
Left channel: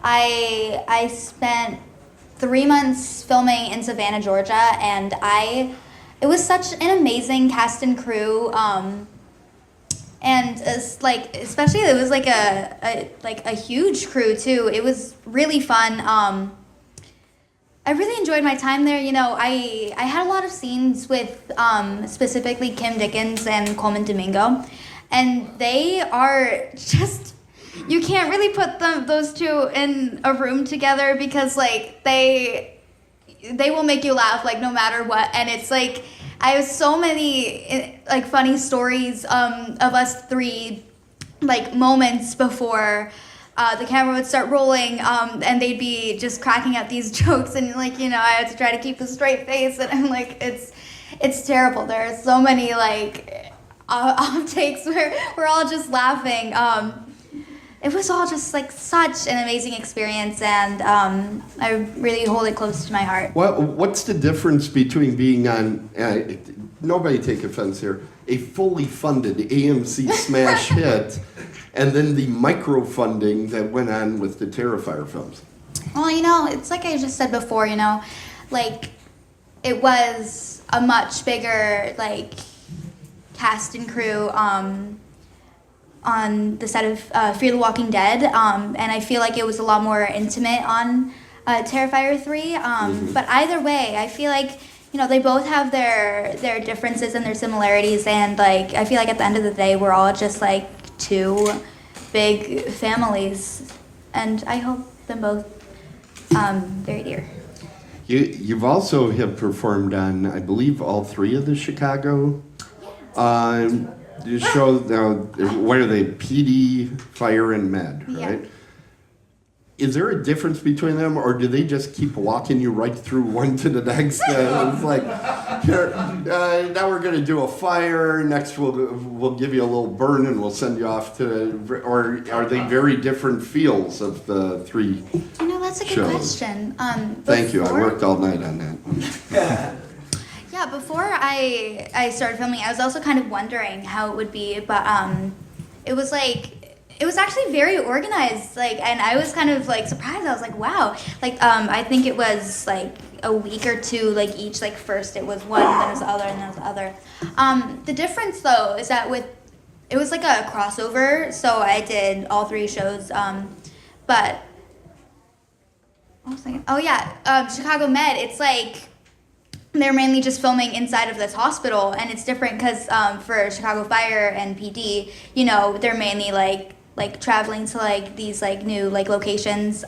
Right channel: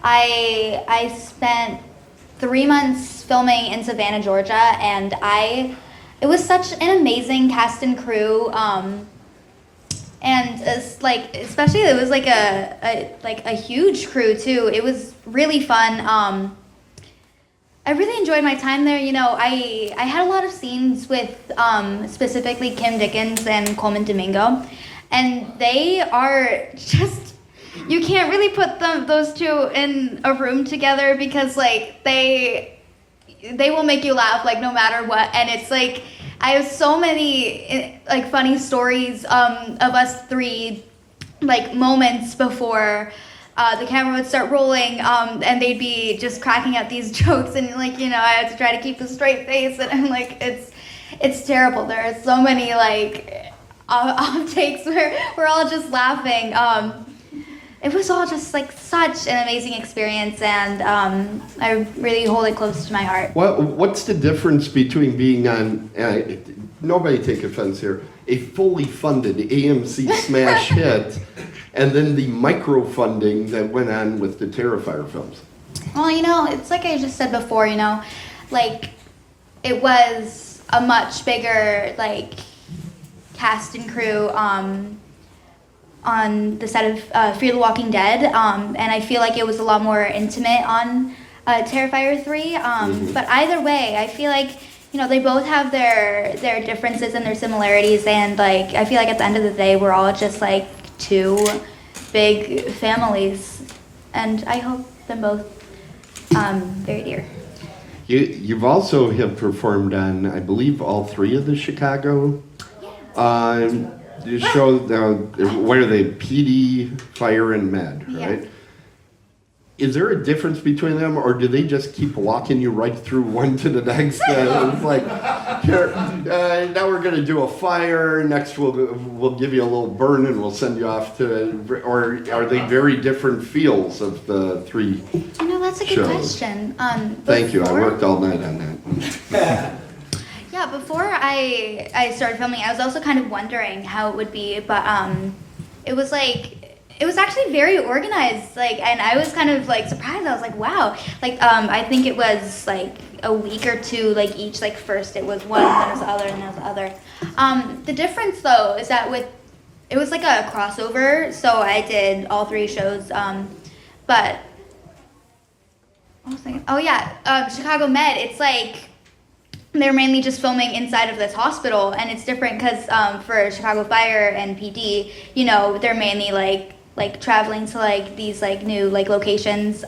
I spent 3 months filming in Savannah, Georgia, and it was such an amazing cast and crew. And it's like, especially it was like a huge crew too. It was really fun. I really enjoyed my time there. You know, I had a lot of scenes with specifically Kim Dickens and Coleman Domingo, and they are just. You can't really put those two in a room together because like they will make you laugh like no matter what. And it's like I have so many like funny stories of us three like moments before the camera would start rolling, and they'd be just cracking up these jokes, and like, you know, I had to try to keep a straight face, and I'm like, it's terrible. There are so many like outtakes where we're all just laughing. It was all just like such an amazing experience, and I really hold it close to my heart. What's the difference between being on, nobody take offense here, a fully funded AMC smash hit, and then the micro-funding that went on with the Terrifier films? Well, you know, it's like I just said before, you know, like, it was a much bigger, like, cast and crew on the set of Fear the Walking Dead, and I feel like it was a lot more intimate on Terrifier 3, but either way, I feel like, you know, they both have their differences and their similarities, and, like, I feel like at the end of the day, we're all just, like, two big families, and I hope them both very dear. You've also have performed on, I believe, all three of the Chicago you show, what are they, PD, Fire, and Med, right? Yeah. Is there a difference between them, or do they just keep walking you right through one to the next? It's like, here, now we're going to do a fire, next we'll give you a little burn and we'll send you off to, or are they very different feels of the three You know, that's a good shows? question. Thank you, I before- worked all night on that. Yeah, before I started filming, I was also kind of wondering how it would be, but it was actually very organized, like, and I was kind of like surprised. I was like, wow, like I think it was like a week or two, like each, like first it was one, then it was the other, and then it was the other. The difference though is that it was like a crossover, so I did all three shows, but what was I thinking? Oh yeah, Chicago Med, it's like they're mainly just filming inside of this hospital, and it's different because for Chicago Fire and PD, you know, they're mainly like traveling to like these like new like locations.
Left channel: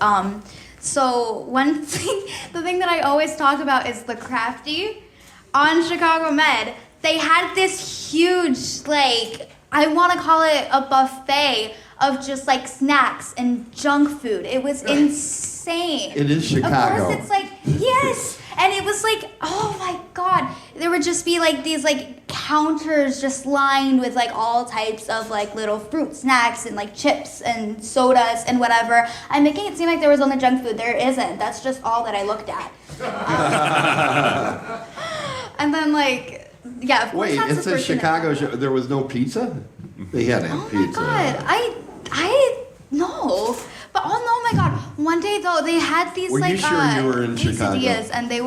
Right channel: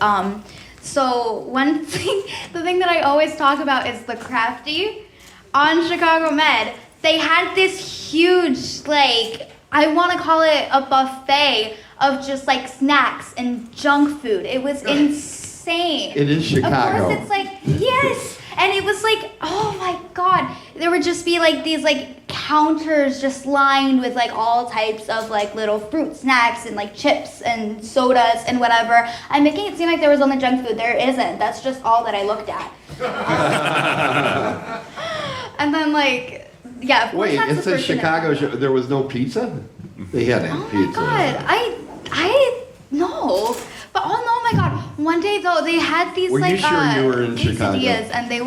So one thing, the thing that I always talk about is the crafty on Chicago Med. They had this huge, like, I want to call it a buffet of just like snacks and junk food. It was insane. It is Chicago. Of course, it's like, yes. And it was like, oh my God, there would just be like these like counters just lined with like all types of like little fruit snacks and like chips and sodas and whatever. I'm making it seem like there was only junk food. There isn't. That's just all that I looked at. And then like, yeah. Of course Wait, that's it's the a first thing that- Chicago show. There was no pizza? They had Oh my pizza. God, I no. But oh no, my God! One day though, they had these Were you like sure you were in Chicago? quesadillas, and they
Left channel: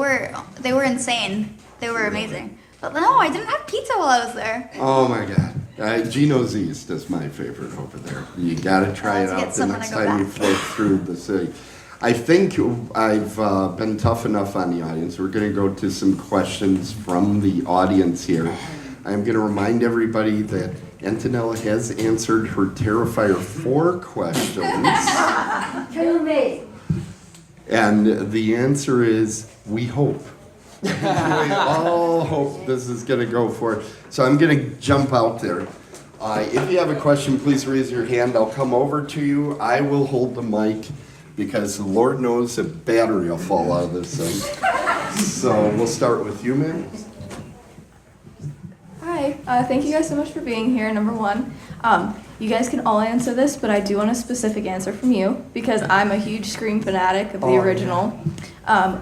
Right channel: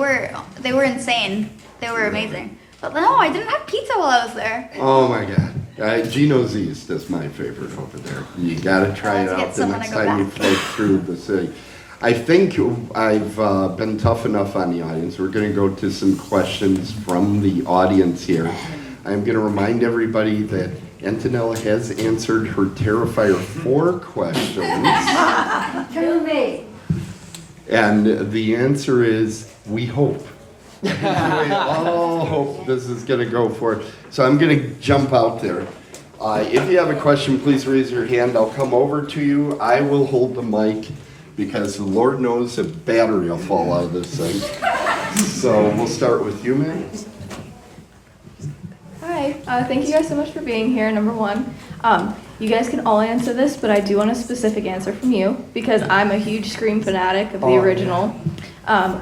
were insane. They were amazing. But no, I didn't have pizza while I was there. Oh my God. Gino's East is my favorite over there. You gotta try it Let's get out the someone next to go time you back. float through the city. I think I've been tough enough on the audience. We're gonna go to some questions from the audience here. I'm gonna remind everybody that Antonella has answered her Terrifier 4 questions. And the answer is, we hope. We all hope this is going to go for it. So I'm going to jump out there. If you have a question, please raise your hand. I'll come over to you. I will hold the mic because Lord knows a battery will fall out of this thing. So we'll start with you, man. Hi, thank you guys so much for being here, number one. You guys can all answer this, but I do want a specific answer from you because I'm a huge Scream fanatic of the original.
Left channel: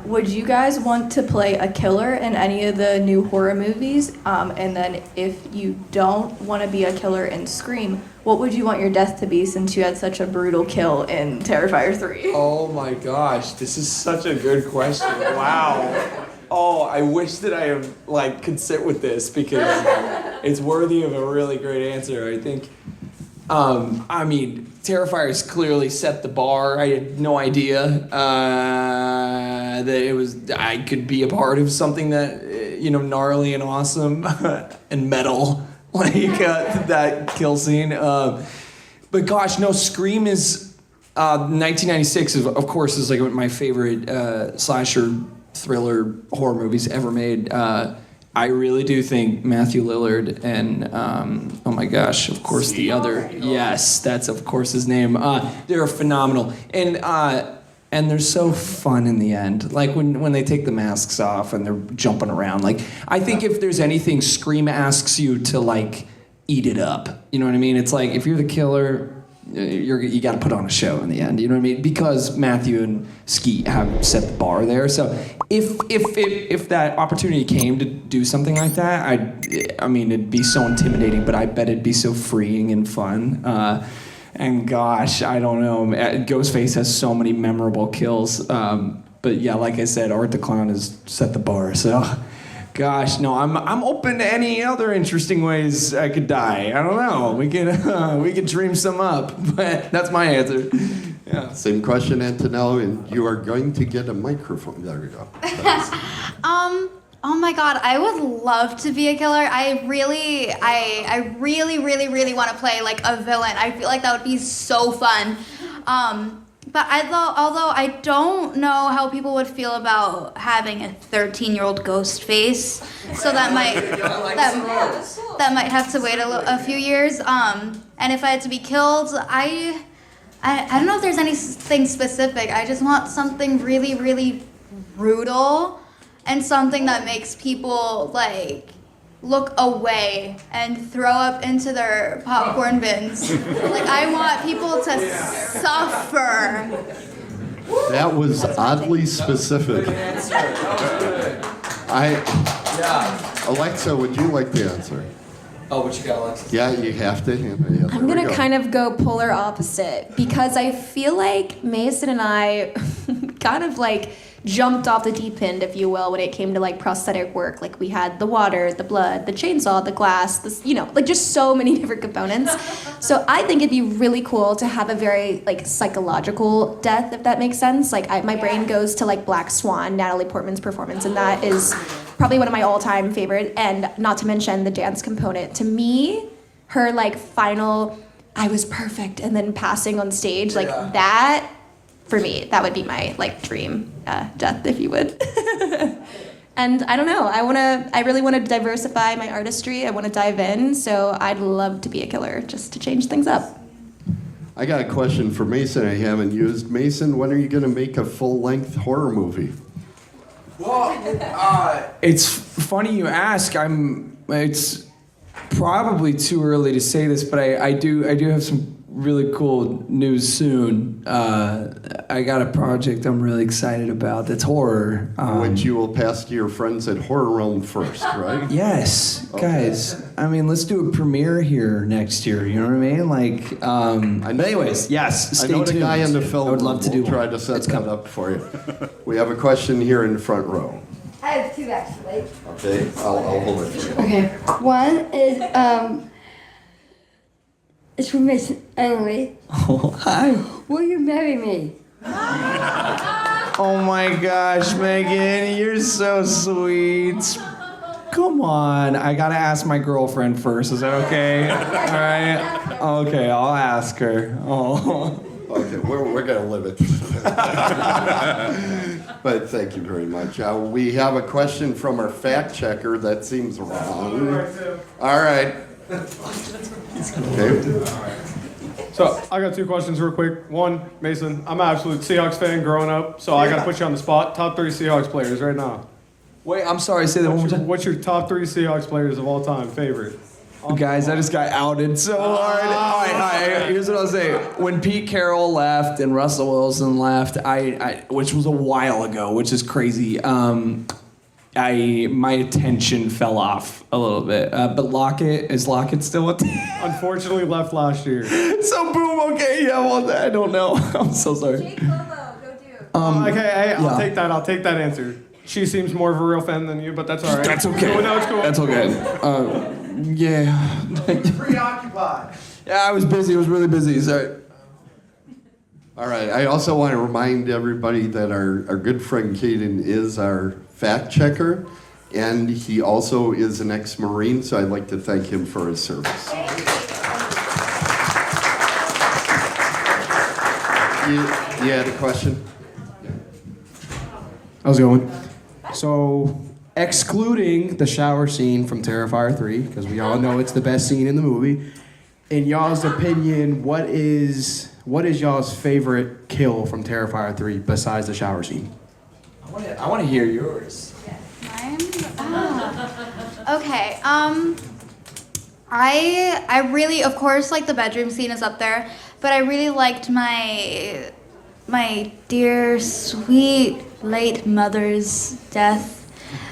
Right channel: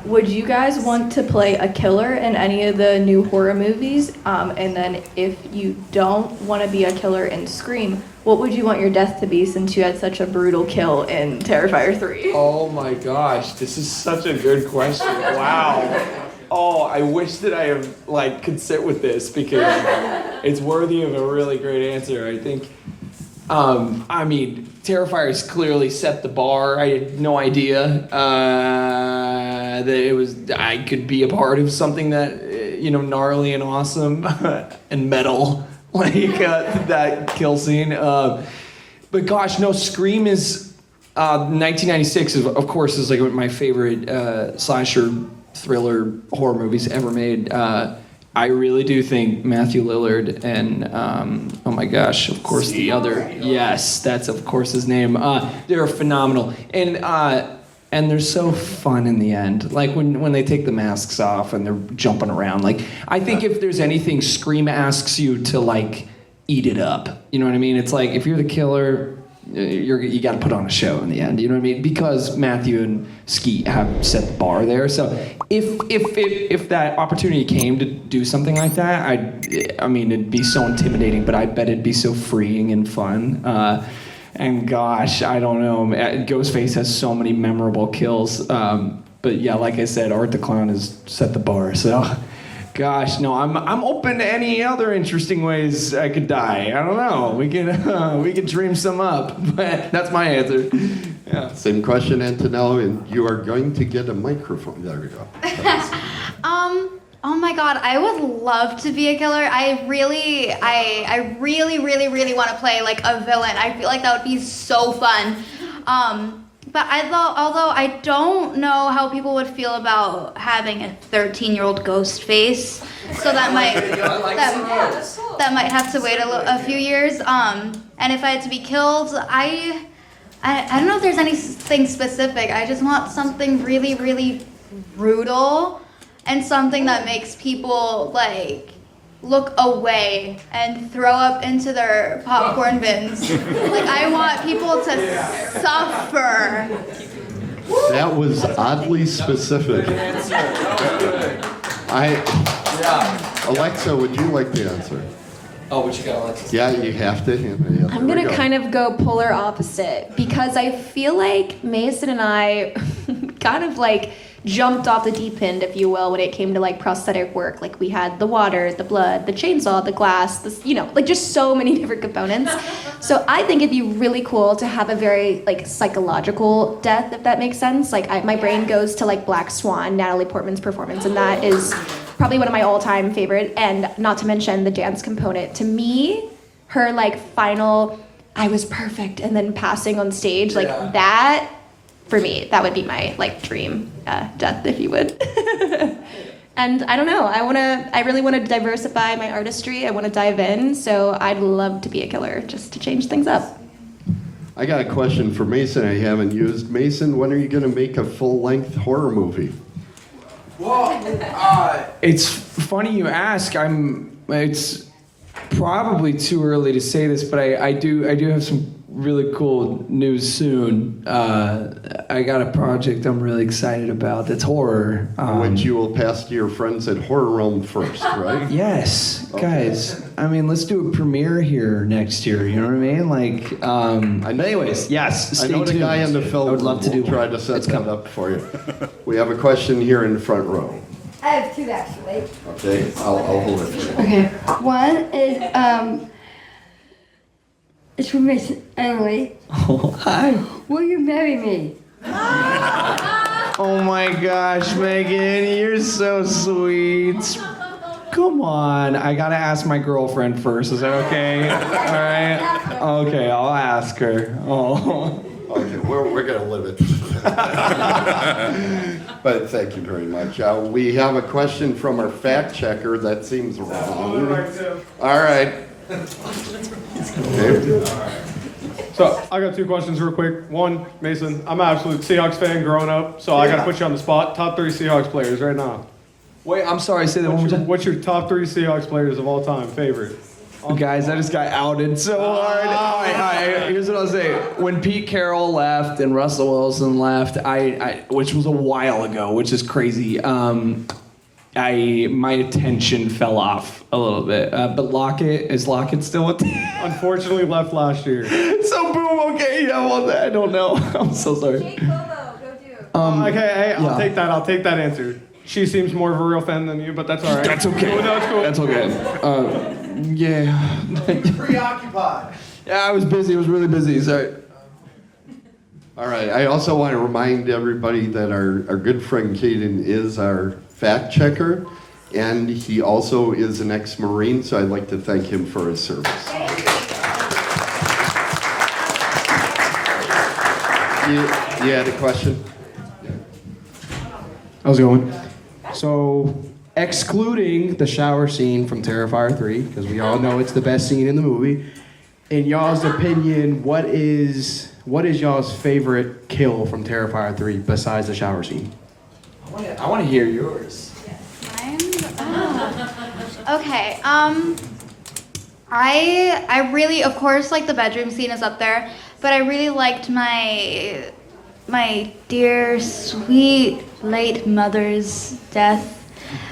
Would you guys want to play a killer in any of the new horror movies? And then if you don't want to be a killer in Scream, what would you want your death to be since you had such a brutal kill in Terrifier 3? Oh my gosh, this is such a good question. Wow. Oh, I wish that I could sit with this because it's worthy of a really great answer. I think, Terrifier's clearly set the bar. I had no idea that I could be a part of something that, gnarly and awesome and metal, like that kill scene. But gosh, no, Scream is, 1996 of course is like my favorite slasher thriller horror movies ever made. I really do think Matthew Lillard and oh my gosh, of course the other, yes, that's of course his name. They're phenomenal, and they're so fun in the end. Like when they take the masks off and they're jumping around. Like I think if there's anything, Scream asks you to like eat it up. You know what I mean? It's like if you're the killer, you got to put on a show in the end. You know what I mean? Because Matthew and Skeet have set the bar there. So if that opportunity came to do something like that, I mean it'd be so intimidating, but I bet it'd be so freeing and fun. And gosh, I don't know. Ghostface has so many memorable kills. But yeah, like I said, Art the Clown has set the bar. So, gosh, no, I'm open to any other interesting ways I could die. I don't know. We could dream some up. But that's my answer. Yeah. Same question, Antonella, and you are going to get a microphone. There we go. Oh my God, I would love to be a killer. I really want to play like a villain. I feel like that would be so fun. But although I don't know how people would feel about having a 13-year-old ghost face, so that might have to wait a few years. And if I had to be killed, I don't know if there's anything specific. I just want something really, really brutal. And something that makes people, like, look away and throw up into their popcorn bins. Like, I want people to suffer. That was oddly specific. Alexa, would you like to answer? Oh, what you got, Alexis? Yeah, you have to. I'm going to kind of go polar opposite because I feel like Mason and I kind of like jumped off the deep end, if you will, when it came to like prosthetic work. Like we had the water, the blood, the chainsaw, the glass, this, like just so many different components. So I think it'd be really cool to have a very like psychological death, if that makes sense. Like my brain goes to like Black Swan, Natalie Portman's performance, and that is probably one of my all-time favorite, and not to mention the dance component. To me, her like final, I was perfect, and then passing on stage, like that, for me, that would be my like dream death, if you would. And I don't know, I really want to diversify my artistry. I want to dive in, so I'd love to be a killer just to change things up. I got a question for Mason I haven't used. Mason, when are you going to make a full-length horror movie? Well, it's funny you ask. It's probably too early to say this, but I do have some really cool news soon. I got a project I'm really excited about that's horror. Which you will pass to your friends at Horror Realm first, right? Yes, guys. I mean, let's do a premiere here next year. You know what I mean? Like, but anyways, yes. Stay tuned. I know the guy in the film. I would love to do. Try to set that up for you. We have a question here in the front row. I have two actually. Okay, I'll hold it for you. Okay. One is it's for Miss Emily. Oh, hi. Will you marry me? Oh my gosh, Megan, you're so sweet. Come on, I gotta ask my girlfriend first. Is that okay? All right. Okay, I'll ask her. Oh. Okay, we're gonna limit. But thank you very much. We have a question from our fact checker. That seems wrong. All right. So I got two questions real quick. One, Mason, I'm an absolute Seahawks fan growing up, so I got to put you on the spot. Top 3 Seahawks players right now. Wait, I'm sorry, say that one more time. What's your top 3 Seahawks players of all time, favorite? Guys, I just got outed so hard. All right, here's what I'll say. When Pete Carroll left and Russell Wilson left, which was a while ago, which is crazy, my attention fell off a little bit. But Lockett, is Lockett still with Unfortunately, left last year. So boom, okay, yeah, well, I don't know. I'm so sorry. Jake Bobo, go do. Okay, I'll take that. I'll take that answer. She seems more of a real fan than you, but that's all right. That's okay. That's cool. That's okay. Yeah. Preoccupied. Yeah, I was busy. I was really busy. Sorry. All right. I also want to remind everybody that our good friend Caden is our fact checker, and he also is an ex-Marine, so I'd like to thank him for his service. You had a question? How's it going? So, excluding the shower scene from Terrifier 3, because we all know it's the best scene in the movie. In y'all's opinion, what is y'all's favorite kill from Terrifier 3 besides the shower scene? I want to hear yours. Okay. I really, of course, like the bedroom scene is up there, but I really liked my dear, sweet, late mother's death.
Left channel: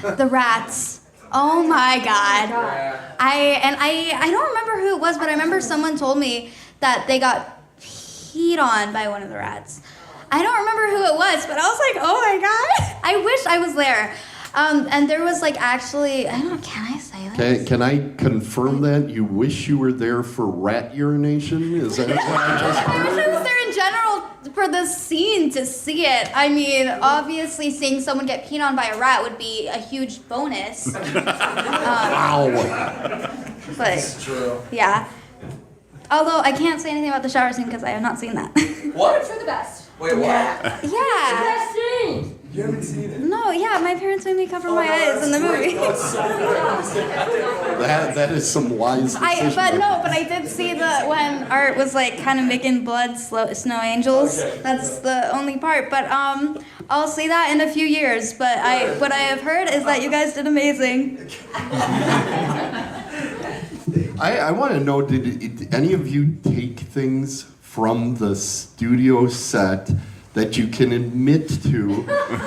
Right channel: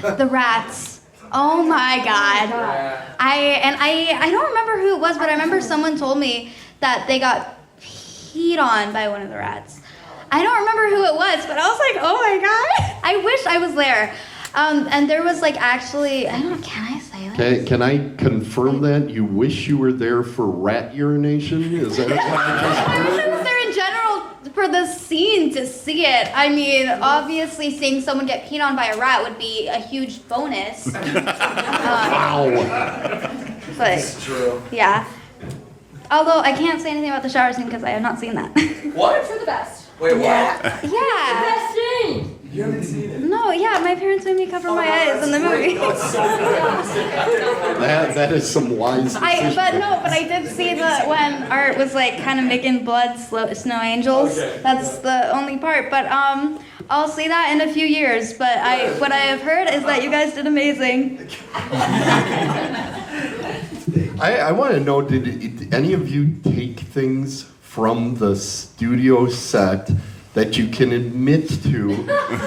The rats. Oh my God. I don't remember who it was, but I remember someone told me that they got peed on by one of the rats. I don't remember who it was, but I was like, oh my God. I wish I was there. And there was like actually, I don't know, can I say that? Can I confirm that? You wish you were there for rat urination? Is that what I I wish I was there in general for the scene to see it. I mean, obviously seeing someone get peed on by a rat would be a huge bonus. Wow. But, That's true. yeah. Although I can't say anything about the shower scene because I have not seen that. What? For the best. Wait, what? Yeah. Best scene. You haven't seen it? No, yeah, my parents made me cover my eyes in the movie. Oh, it's so good. That is some wise decision. But I did see that when Art was like kind of making blood snow angels. Okay. That's the only part. But I'll see that in a few years. But what I have heard is that you guys did amazing. I want to know, did any of you take things from the studio set that you can admit to?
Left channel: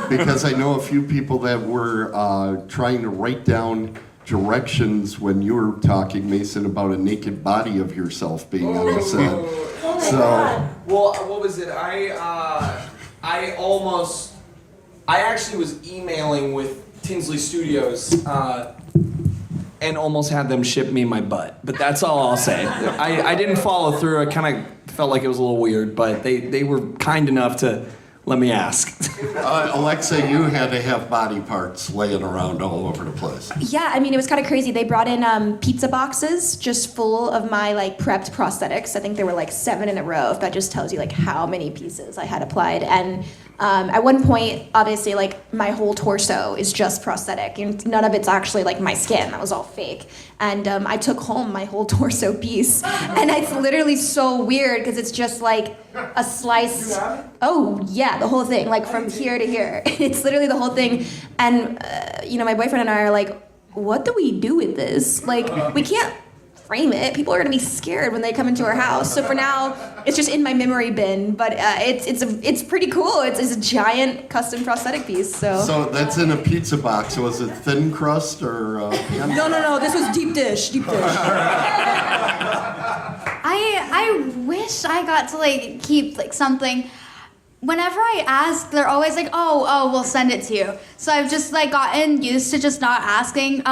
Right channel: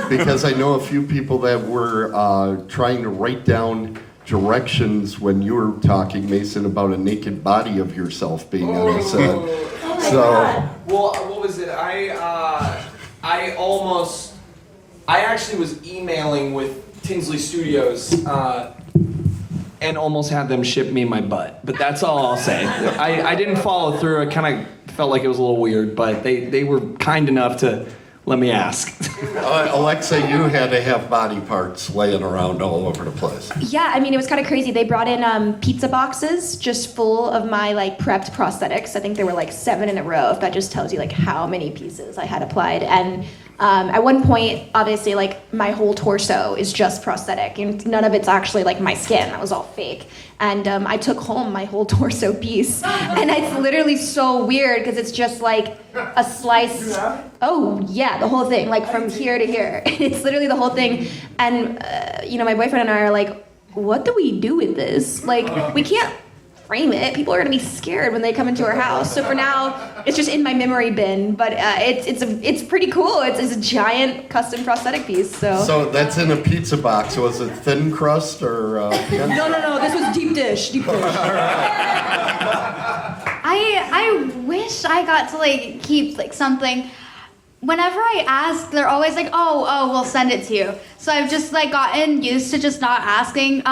Because I know a few people that were trying to write down directions when you were talking, Mason, about a naked body of yourself being on the set. Well, what was it? I actually was emailing with Tinsley Studios, And almost had them ship me my butt. But that's all I'll say. I didn't follow through. I kind of felt like it was a little weird, but they were kind enough to let me ask. Alexa, you had to have body parts laying around all over the place. Yeah, I mean, it was kind of crazy. They brought in pizza boxes just full of my like prepped prosthetics. I think there were like 7 in a row. If that just tells you like how many pieces I had applied. And at one point, obviously, like my whole torso is just prosthetic, and none of it's actually like my skin. That was all fake. And I took home my whole torso piece, and it's literally so weird because it's just like a slice. Oh yeah, the whole thing, like from here to here. It's literally the whole thing. And my boyfriend and I are like, what do we do with this? Like, we can't frame it. People are gonna be scared when they come into our house. So for now, it's just in my memory bin. But it's pretty cool. It's a giant custom prosthetic piece. So that's in a pizza box. Was it thin crust or? No. This was deep dish. I wish I got to like keep like something. Whenever I ask, they're always like, oh, we'll send it to you. So I've just like gotten used to just not asking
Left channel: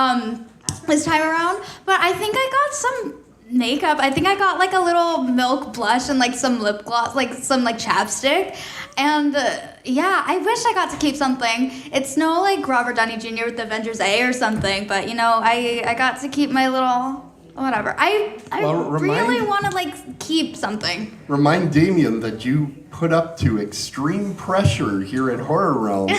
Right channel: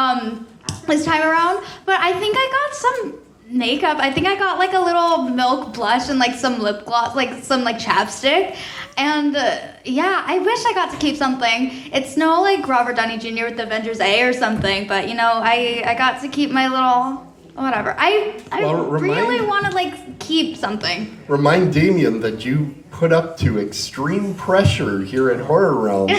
this time around. But I think I got some makeup. I think I got like a little milk blush and like some lip gloss, like some like chapstick. And yeah, I wish I got to keep something. It's no like Robert Downey Jr. with Avengers A or something, but I got to keep my little whatever. I really want to like keep something. Remind Damien that you put up to extreme pressure here at Horror Realm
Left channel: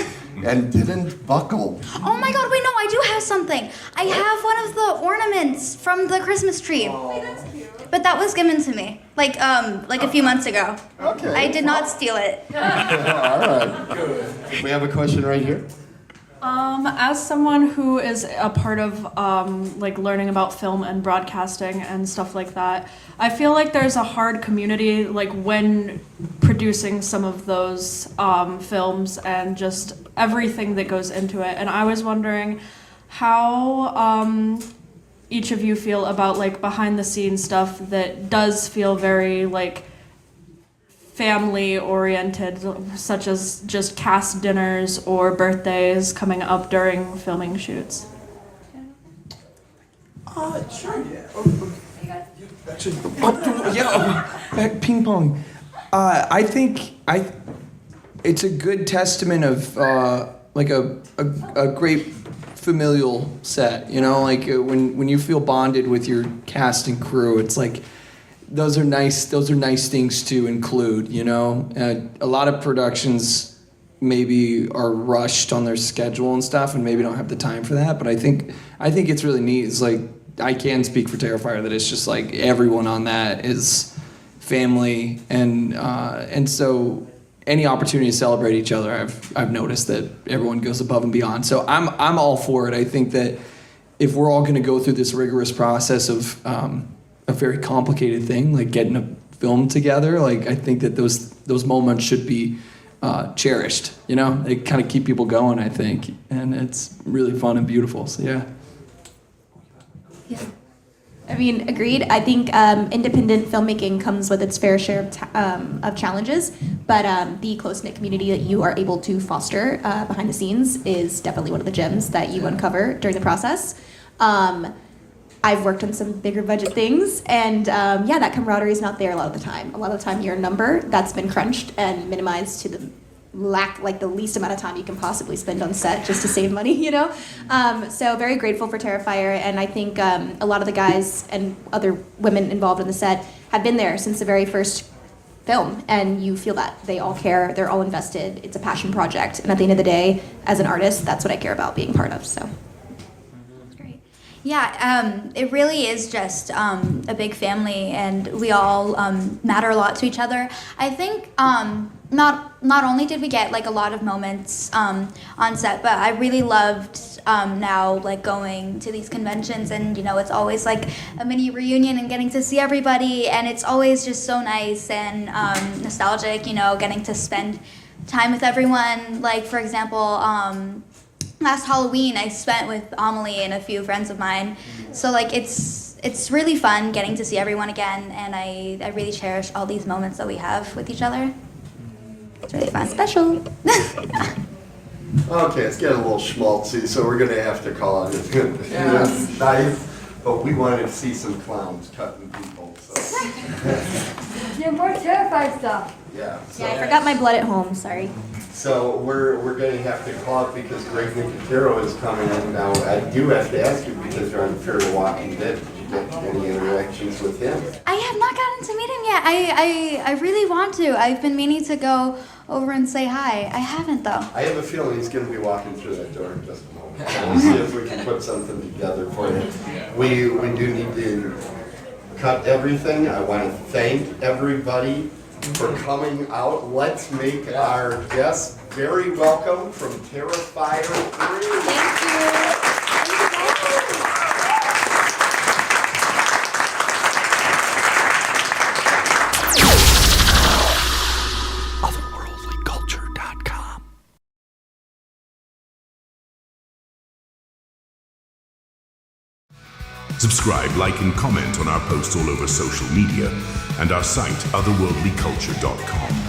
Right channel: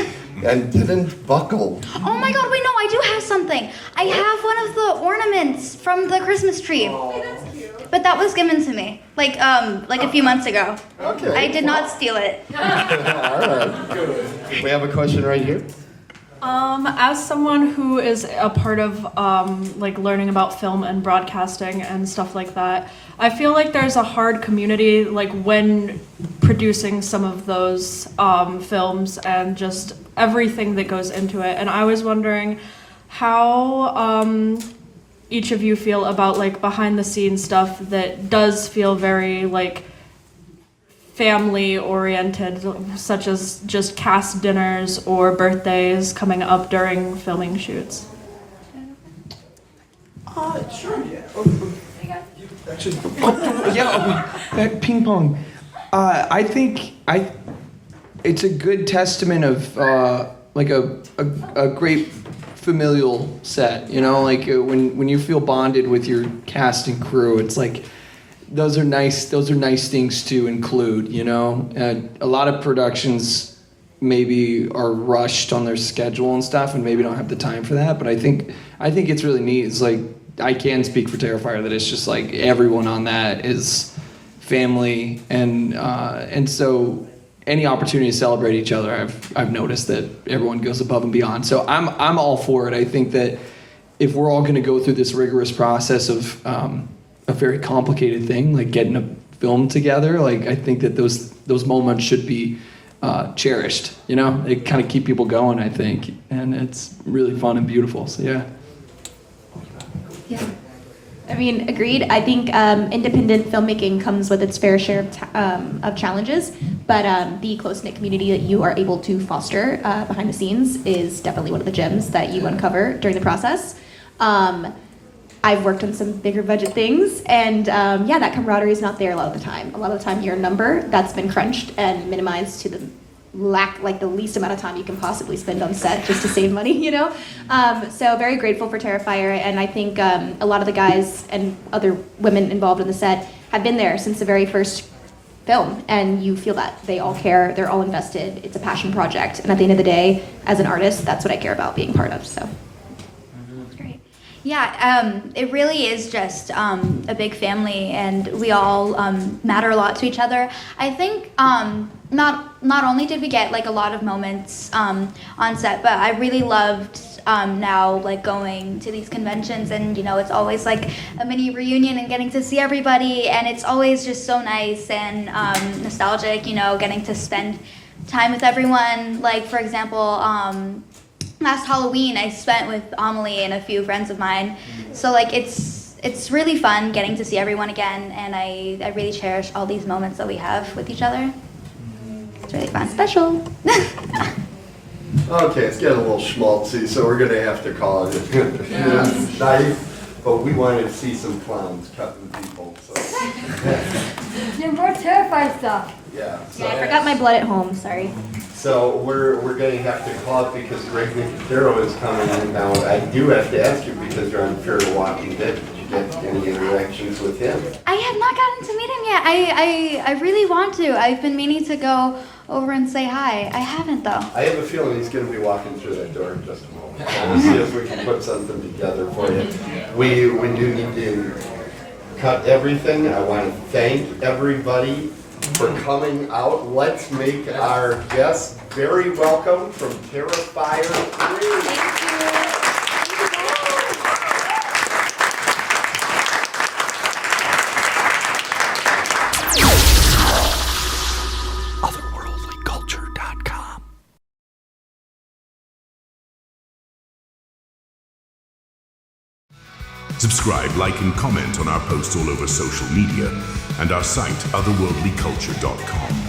and didn't buckle. Oh my God, wait, no, I do have something. I have one of the ornaments from the Christmas tree. Hey, that's cute. But that was given to me, like a few months ago. Okay. I did not steal it. All right. Good. We have a question right here. As someone who is a part of like learning about film and broadcasting and stuff like that, I feel like there's a hard community like when producing some of those films and just everything that goes into it. And I was wondering how each of you feel about like behind the scenes stuff that does feel very like family oriented, such as just cast dinners or birthdays coming up during filming shoots. Sure, yeah. Ping pong. I think it's a good testament of like a great familial set. Like when you feel bonded with your cast and crew, it's like those are nice things to include. And a lot of productions maybe are rushed on their schedule and stuff and maybe don't have the time for that. But I think it's really neat. It's like, I can speak for Terrifier that it's just like everyone on that is family, and so any opportunity to celebrate each other, I've noticed that everyone goes above and beyond. So I'm all for it. I think that if we're all going to go through this rigorous process of a very complicated thing, like getting a film together, like I think that those moments should be cherished. You know, they kind of keep people going, I think, and it's really fun and beautiful. So yeah. Yeah. I mean, agreed. I think independent filmmaking comes with its fair share of challenges, but the close-knit community that you are able to foster behind the scenes is definitely one of the gems that you uncover during the process. I've worked on some bigger budget things, and yeah, that camaraderie is not there a lot of the time. A lot of the time, you're a number that's been crunched and minimized to the the least amount of time you can possibly spend on set just to save money, you know? So very grateful for Terrifier, and I think a lot of the guys and other women involved in the set have been there since the very first film, and you feel that. They all care, they're all invested, it's a passion project, and at the end of the day, as an artist, that's what I care about being part of, so. Great. Yeah, it really is just a big family, and we all matter a lot to each other. I think not only did we get like a lot of moments on set, but I really loved now like going to these conventions, and you know, it's always like a mini reunion and getting to see everybody, and it's always just so nice and nostalgic, you know, getting to spend time with everyone. Like for example, last Halloween I spent with Amelie and a few friends of mine, so like it's really fun getting to see everyone again, and I really cherish all these moments that we have with each other. It's really fun. Special. Okay, it's getting a little schmaltzy, so we're gonna have to call it. It's nice, but we want to see some clowns cutting people. So. You're more terrified stuff. Yeah. So, Yeah, I forgot my blood at home, sorry. So we're gonna have to call it because Greg Nicotero is coming in now. I do have to ask you because you're on Fear the Walking Dead. Did you get any interactions with him? I have not gotten to meet him yet. I really want to. I've been meaning to go over and say hi. I haven't though. I have a feeling he's going to be walking through that door in just a moment. We'll see if we can put something together for you. We do need to cut everything. I want to thank everybody for coming out. Let's make our guests very welcome from Terrifier 3. Thank you. Otherworldlyculture.com. Subscribe, like, and comment on our posts all over social media and our site, otherworldlyculture.com.